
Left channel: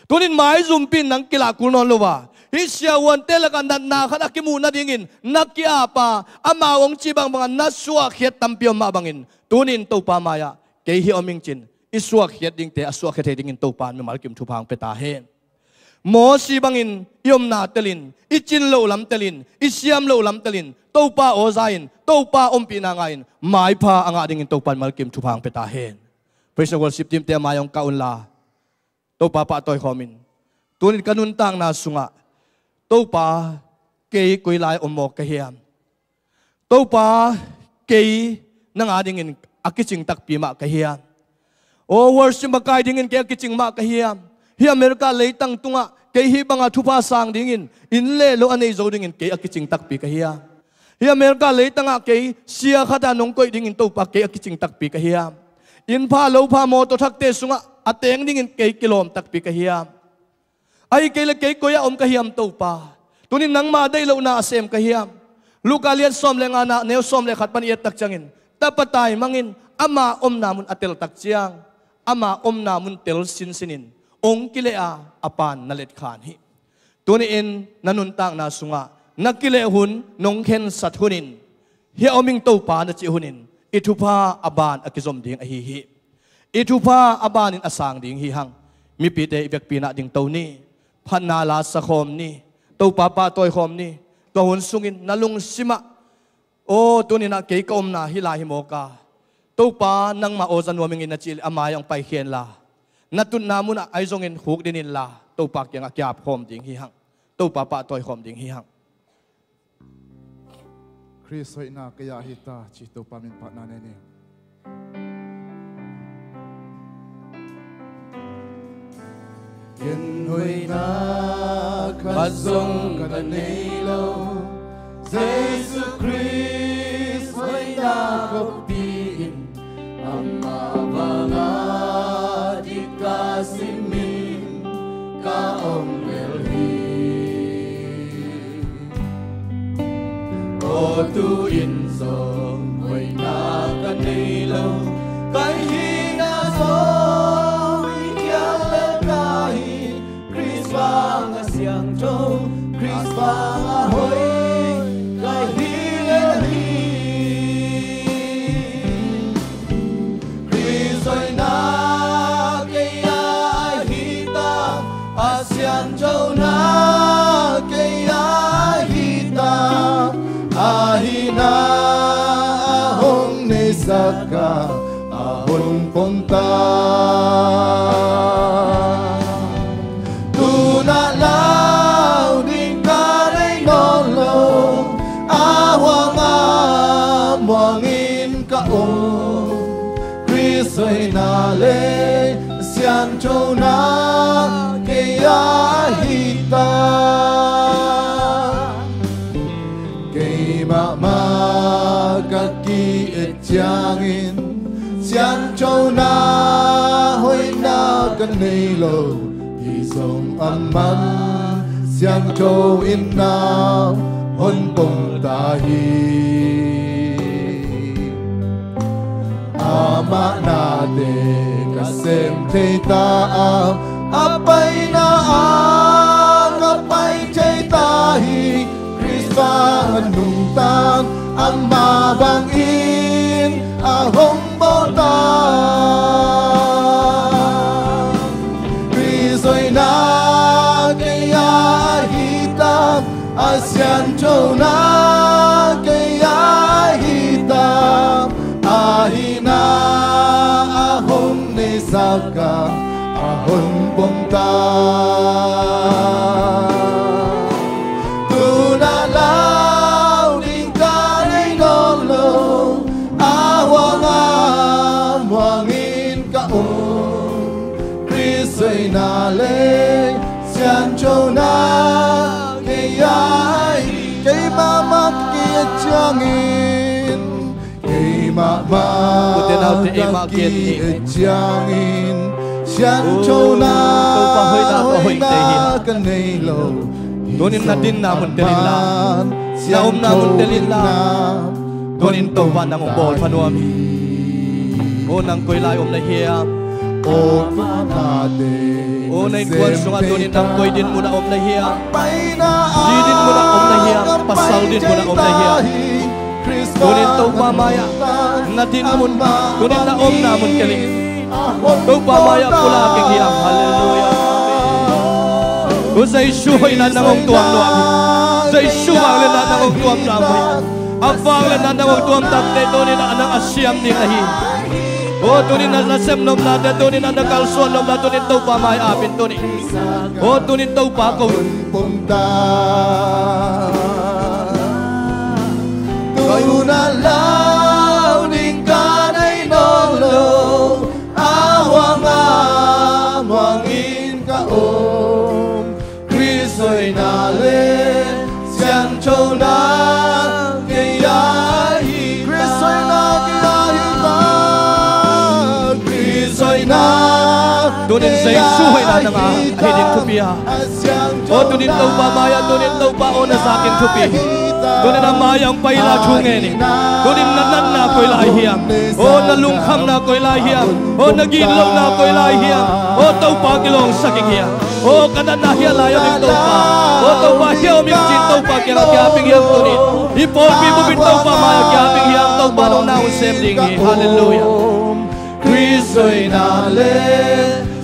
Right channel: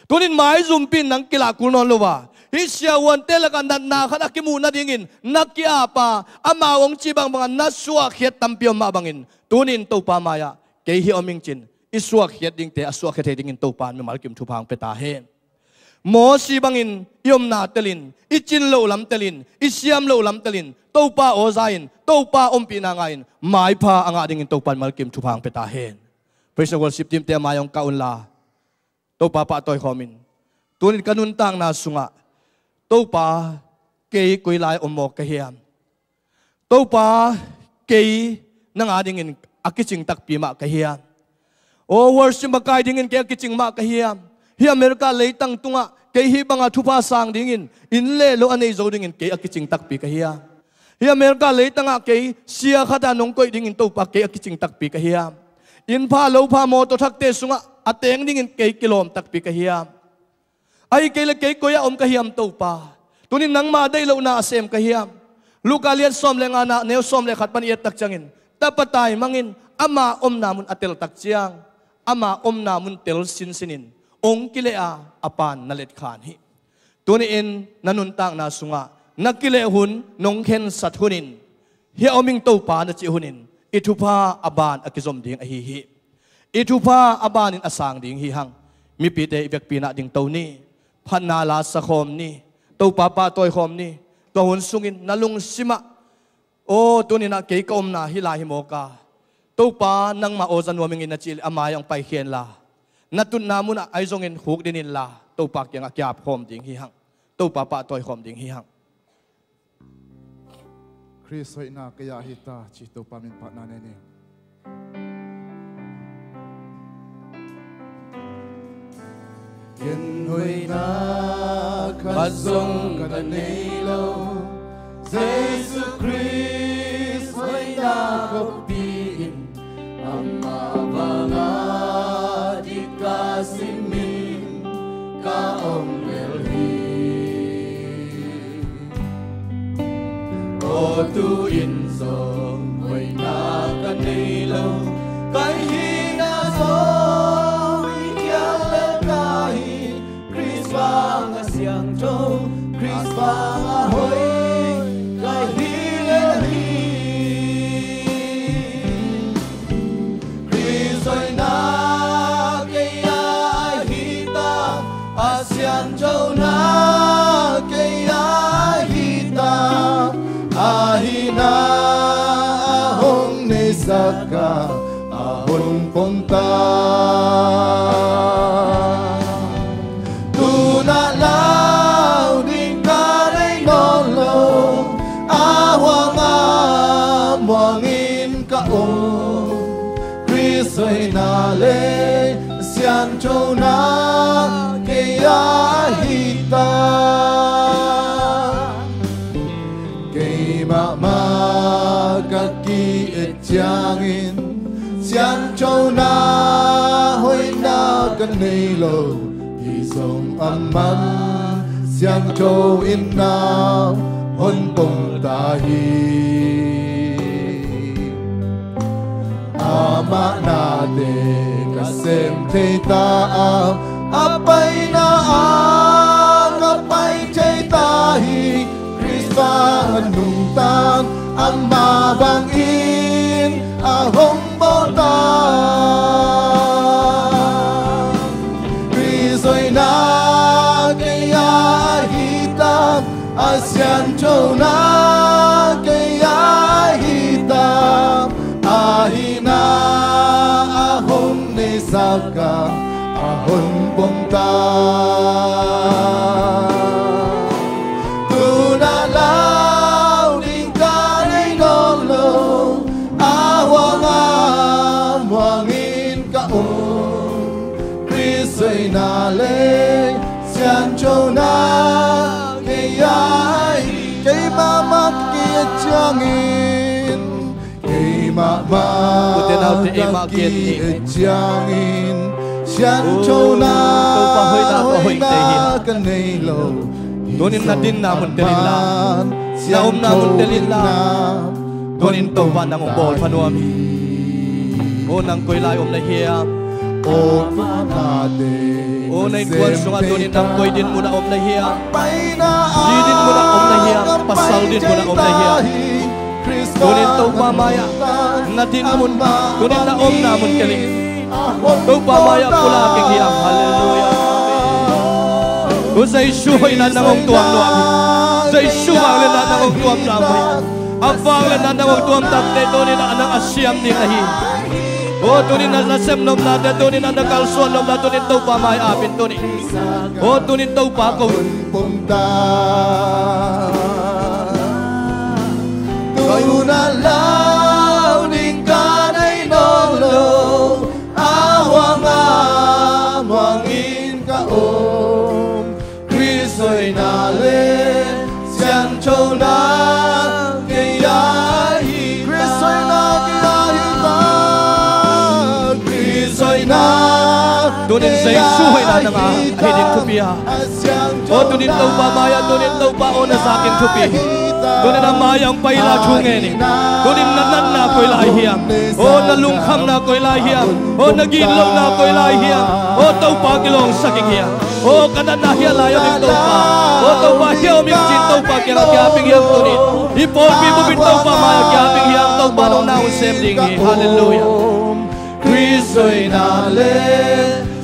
ตัวนี้หมายจุ่มปีนังกิลากุนนลวาฮิเชียวันเตลกันนันนาขัดกิมูนัดดิ่งอินนักกิอาป่าอามาองจีบังบังนัสวะเขียดตัมเปียมมาบังอินตัวนี้ตัวป่ามายาเกยฮิอมิงจินอิสวะเขียดดิ่งเตอสวะเขียดดิ่งอินตัวป่าไม่มากิมทุพังเปตาเฮนโมสีบังอินยมนาเตลินอิจินโลลัมเตลินอิเซียมโลลัมเตลินตัวป่าโอซาอินตัวป่าอมปีนางอินหมายพาอ่างดิ่งอินตัวป่ามากิมทุพังเปตาเฮนเพรสเวอร์สิบทีมเตมายองกาอุนลาตัวป่าปะตัวคอมินตัวนี้กันุนตังนาสุงะตัวป่าเกยกุยลายอมโมกเฮียมตัวป่าเกยนางดิ่งอินอากิจิงตักปีมากเฮียมโอเวอร์ชิมบกายดิ่งอินเกยอากิจิงมากเฮียมเฮียอเมริกาเลยตั้งตุงะเกยฮิบังอาทุพาสังดิ่งอินเล่โลอันนี้โจดิ่งอินเกยอากิจิงตักปีเฮียเฮียอเมริกาเลยตั้งเกยเสียขัดานงกุยดิ่งอินตัวป่าเกยอากิจิงตักปีเฮียอินพาโลพาโมตัวทักเตสุงะอัตเองดิ่งอินเกยกิโลมตักปีเฮียไอเกยเกยกุยอมเฮียมตัวป่าตัวนี้นังมาได้โลนาเซมเฮียมลูกาเลียนซ้อมเลงานาเนวซ้อมเลขัดปันเอตักจังอินตาปตายมังอินอามาอมนามุนอัตเตลตักเจียงอามาอมนามุนเตลสินสินินองกิเลอาอปานนเลตขานฮิตัวนี้อินนันุนตังนาสุงะนักกิเลหุนนงเข็นสัตหุนิน hi oming to pa na chi hunin ithupa aban akizom ding a hi ithupa aban in asang ding hi hang mi pi te ibek pina ding to ni phanna la sa khom ni to pa pa toy khom ni to hun sungin nalung sima o tunina ke kom na hi la hi moka to pa nang ma o zanwaming in na chil amayang pai khen la natun namuna ai zongin huk dinin la to pa kyang akyap khom ding hi hang to pa pa toy khom ding hi hang Chris hoy na kaya hita chi to pa min pa na ne Yen hoy na kazong kanilo Jesus Christ hoy na kapiin ama banga di kasimin kaom elhi o tu insong hoy na kanilo kay hina so Siang châu Chris Bang hoi kai hi Chris oi na ke ai hi ta a siang châu na ke ai hi ta a hi na hong ne saka a hon pom ta Soy na le siang châu na ke ahita ke ma ka ki et changin siang châu na hoi na kan nei lo hi song amman siang châu in na hon pong ta hi ama na de kasem te ta apay na apay te ta hi Krista nung tang ama bang in ahong bota Kristo'y na kaya hita asyan chow na kaya hita ahina ahon ne saka ahon bomta tunalaw ning kanay nolo awang wangin kaon Kristo'y nale siyan chow na kiyay kay mamat kiyachangin Maki ejangin siyan chow na hoy na kanelo Donin na din namun telila Naum namun telila Donin to pa namong bol panuami O nang ko'y layom na hiyam O manade O na'y kuwan sunga donin nang ko'y din mo na om na hiyam Sidin mo na om na hiyam Pasal din mo na om na hiyam Donin to pa maya Natin namun Donin na om namun keling To pa maya pula king hiyam Hallelujah O sa isuhoy na namong tuwang luwag Sa isuhoy na namong tuwang luwag Abang na namong tuwang tatay Donin na anang asyam ni lahi O donin na nasem nom na Donin na nakalsuan nom na Donin to pa maya apin Donin O donin to pa ko Kayo na law ning kanay nolo awang amwangin kaom Kristo'y nale siyan chow na kiyahin Kristo'y na kiyahin Kristo'y na Donin sa isuhoy na nga Hiling tupiya O donin to pa maya Donin to pa o na sa aking tupi Donin na mayang paila chungeni Donin na nan na ko'y lahiyam O nalungkam na ko'y lahiyam O nagilong na ko'y lahiyam O tau pa kilong sa kikiyam O kanan na hiya layang ito pa O tau pa hiao mi jin tau pa kya kya ping hiang tu ni. Ipo pi bu bin tau pa maya kya ping hiang tau pa nong nau sem ding ni. Hallelujah. Krisoi na le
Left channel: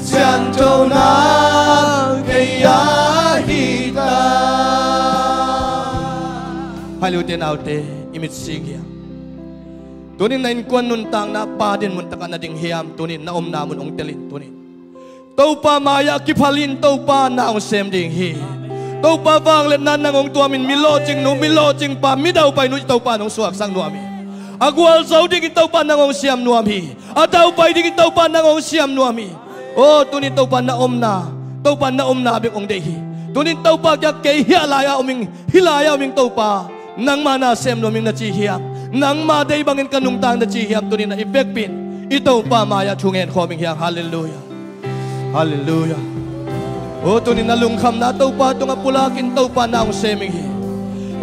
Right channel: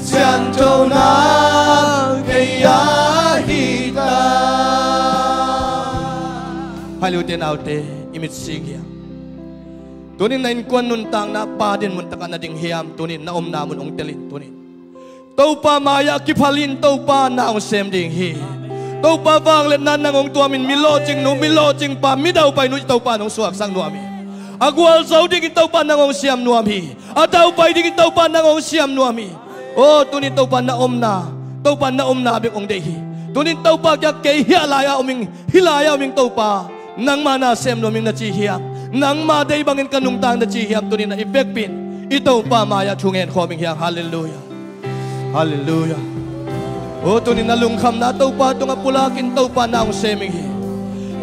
sian châu na kaya hita. Hallelujah nào te imit sig hiang. Tunin na inkuan nun tang na pa din mun taka na ding hiam tunin na na mun ong telin tunin. Tau pa maya kiphalin tau pa na ong sem ding hi. Tau pa vang let nan nang ong tuamin milo ching pa mi dau pai nu tau pa nong suak sang nuami. Agwal sau ding tau pa nang ong siam nuami. Atau pai ding tau pa nang ong siam nuami. O tunin tau pa na abik ong dehi. Tunin tau pa kya kay hilaya oming tau pa nang mana sem nuaming na chi hiam. Nang ma day bangin kanung tang na chi hiam tunin na ipekpin. Ito pa maya chungen khoming hiang. Hallelujah. Hallelujah. O tunin na lungkham na tau pa tunga pulakin tau pa na ong seming hi.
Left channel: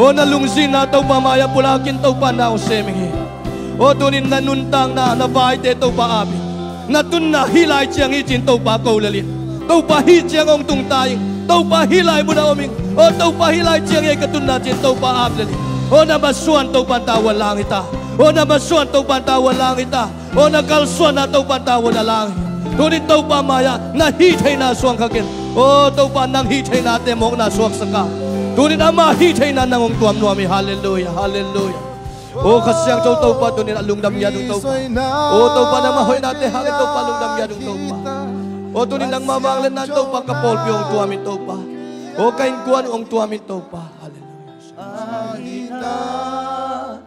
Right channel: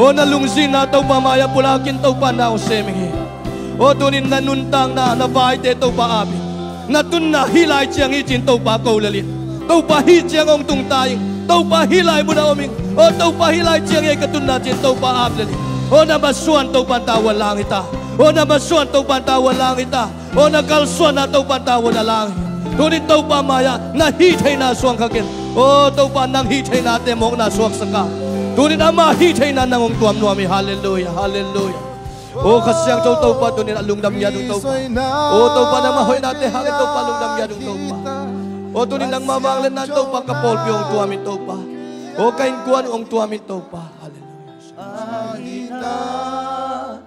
O na lungzin na tau pa maya pulakin tau pa na ong seming hi. O tunin na nuntang na nabay te tau pa amin. Na tun na hilay chiyang ichin tau pa kaulaling. Tau pa hi chiyang ong tung tayong. Tau pa hilay mo na oming. O tau pa hilay chiyang ikatun na chin tau pa ablaling. O nabasuan tau pa tawa lang ita. O nabasuan tau pa tawa lang ita. O nakalsuan na tau pa tawa na lang. Tunin tau pa maya na hitay na suang kakin. O tau pa nang hitay na temong na suak saka. Tunin ama hitay na nangong tuam nuami. Hallelujah. Hallelujah. O kasyang tau pa tunin alungdam yadong tau pa. O tau pa na mahoy natin hangin tau pa alungdam yadong tau pa. O tunin nang mamanglan na tau pa kapolpi ong tuamin tau pa. O kainkuan ong tuamin tau pa. Hallelujah. Ahita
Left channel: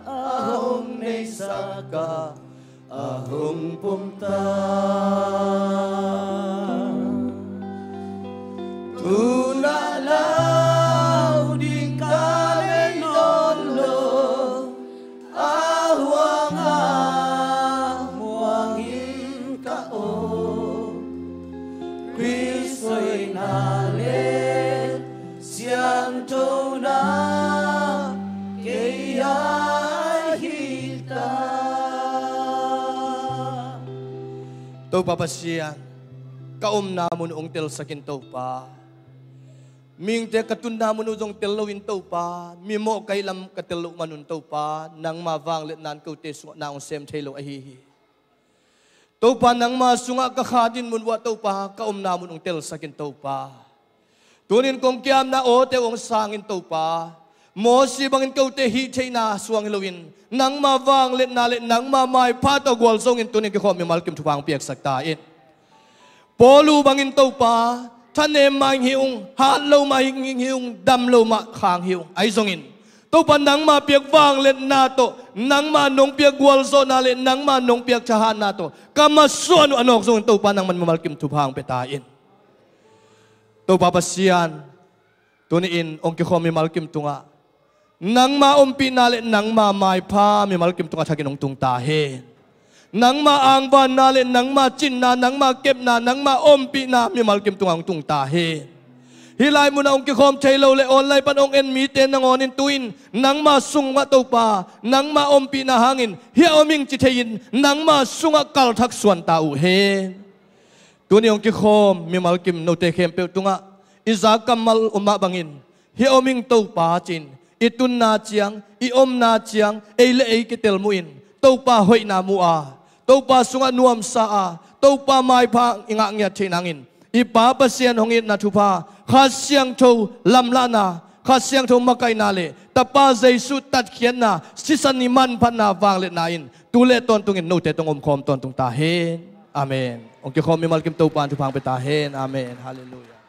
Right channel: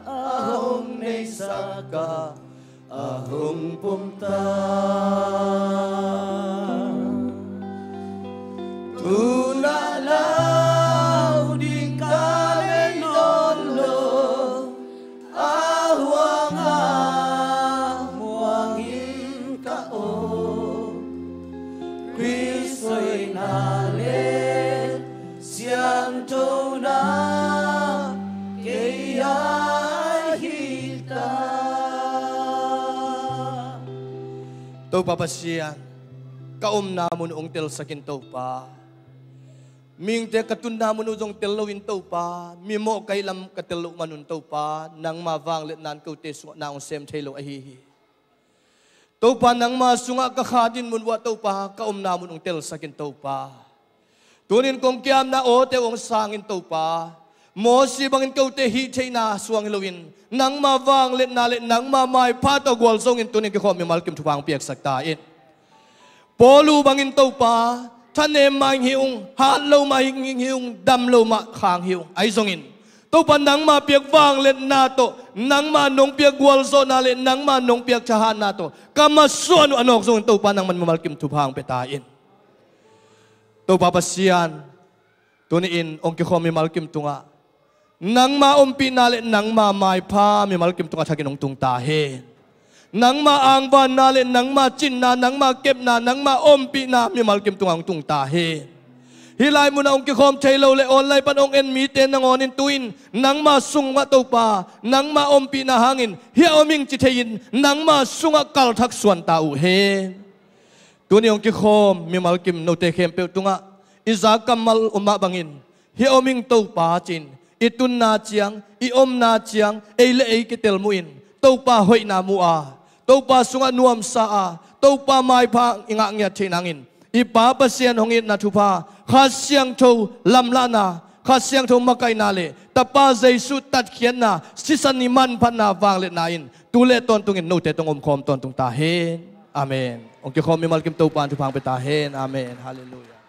ahong nesaka ahong pumta tulalaw di kalendolo ahwang ahwangin kao Kristo'y nalit siyang tuna kaya hita. Tau pa pasiyan, kaom namon ong tel sa kintaw pa. Ming te katun namon ujong telawin tau pa, mimo kailam katelo manun tau pa, nang mavang let nan kau te sunga na ong sem telo ahihi. Tau pa nang masunga kakadin mun wa tau pa, kaom namon ong tel sa kintaw pa. Tunin kong kiam na o te ong sangin tau pa, mo si bangin kau te hitay na suang hilawin. Nang mavang let nalit nang mamay patagwal songin tunin kiko mi malkim tupang piyak saktain. Polu bangin tau pa, tanem maing hiung, hatlaw maing hiung, damlaw makhang hiung. Ay songin. Tau pa nang mapiyak vang let nato, nang manong piyak gwalso nalit, nang manong piyak tsahan nato. Kamasuan anok songin tau pa nang man mamalkim tupang petain. Tau pa pasiyan, tuniin ong kiko mi malkim tunga. Nang maumpi nalit nang mamay pa mi malkim tunga sa kinong tung tahe. Nang maangban nalit nang machin na nang makep na nang maumpi na mi malkim tunga ang tung tahe. Hilay mo na ong kikom chaylaw le online pan ong enmite nang onin tuin nang masunga tau pa nang maumpi na hangin hiya oming chitayin nang masunga kalthak suan tau he. Tuni ong kikom mi malkim no te kempe tunga izakamal umabangin hiya oming tau pa chin. Itun na chiyang, iom na chiyang, eile ei kitel muin. Tau pa hoy na mua. Tau pa sunga nuam saa. Tau pa may pa ingangya chinangin. Ipapasyan hongit na tupa. Kasyang to lamlana. Kasyang to makay nali. Tapa zaysu tatkian na. Sisaniman pa na vanglit nain. Tule tontungin no te tong umkom tontong tahin. Amen. Ong kikom mi malkim tau pa tupang petahin. Amen. Hallelujah.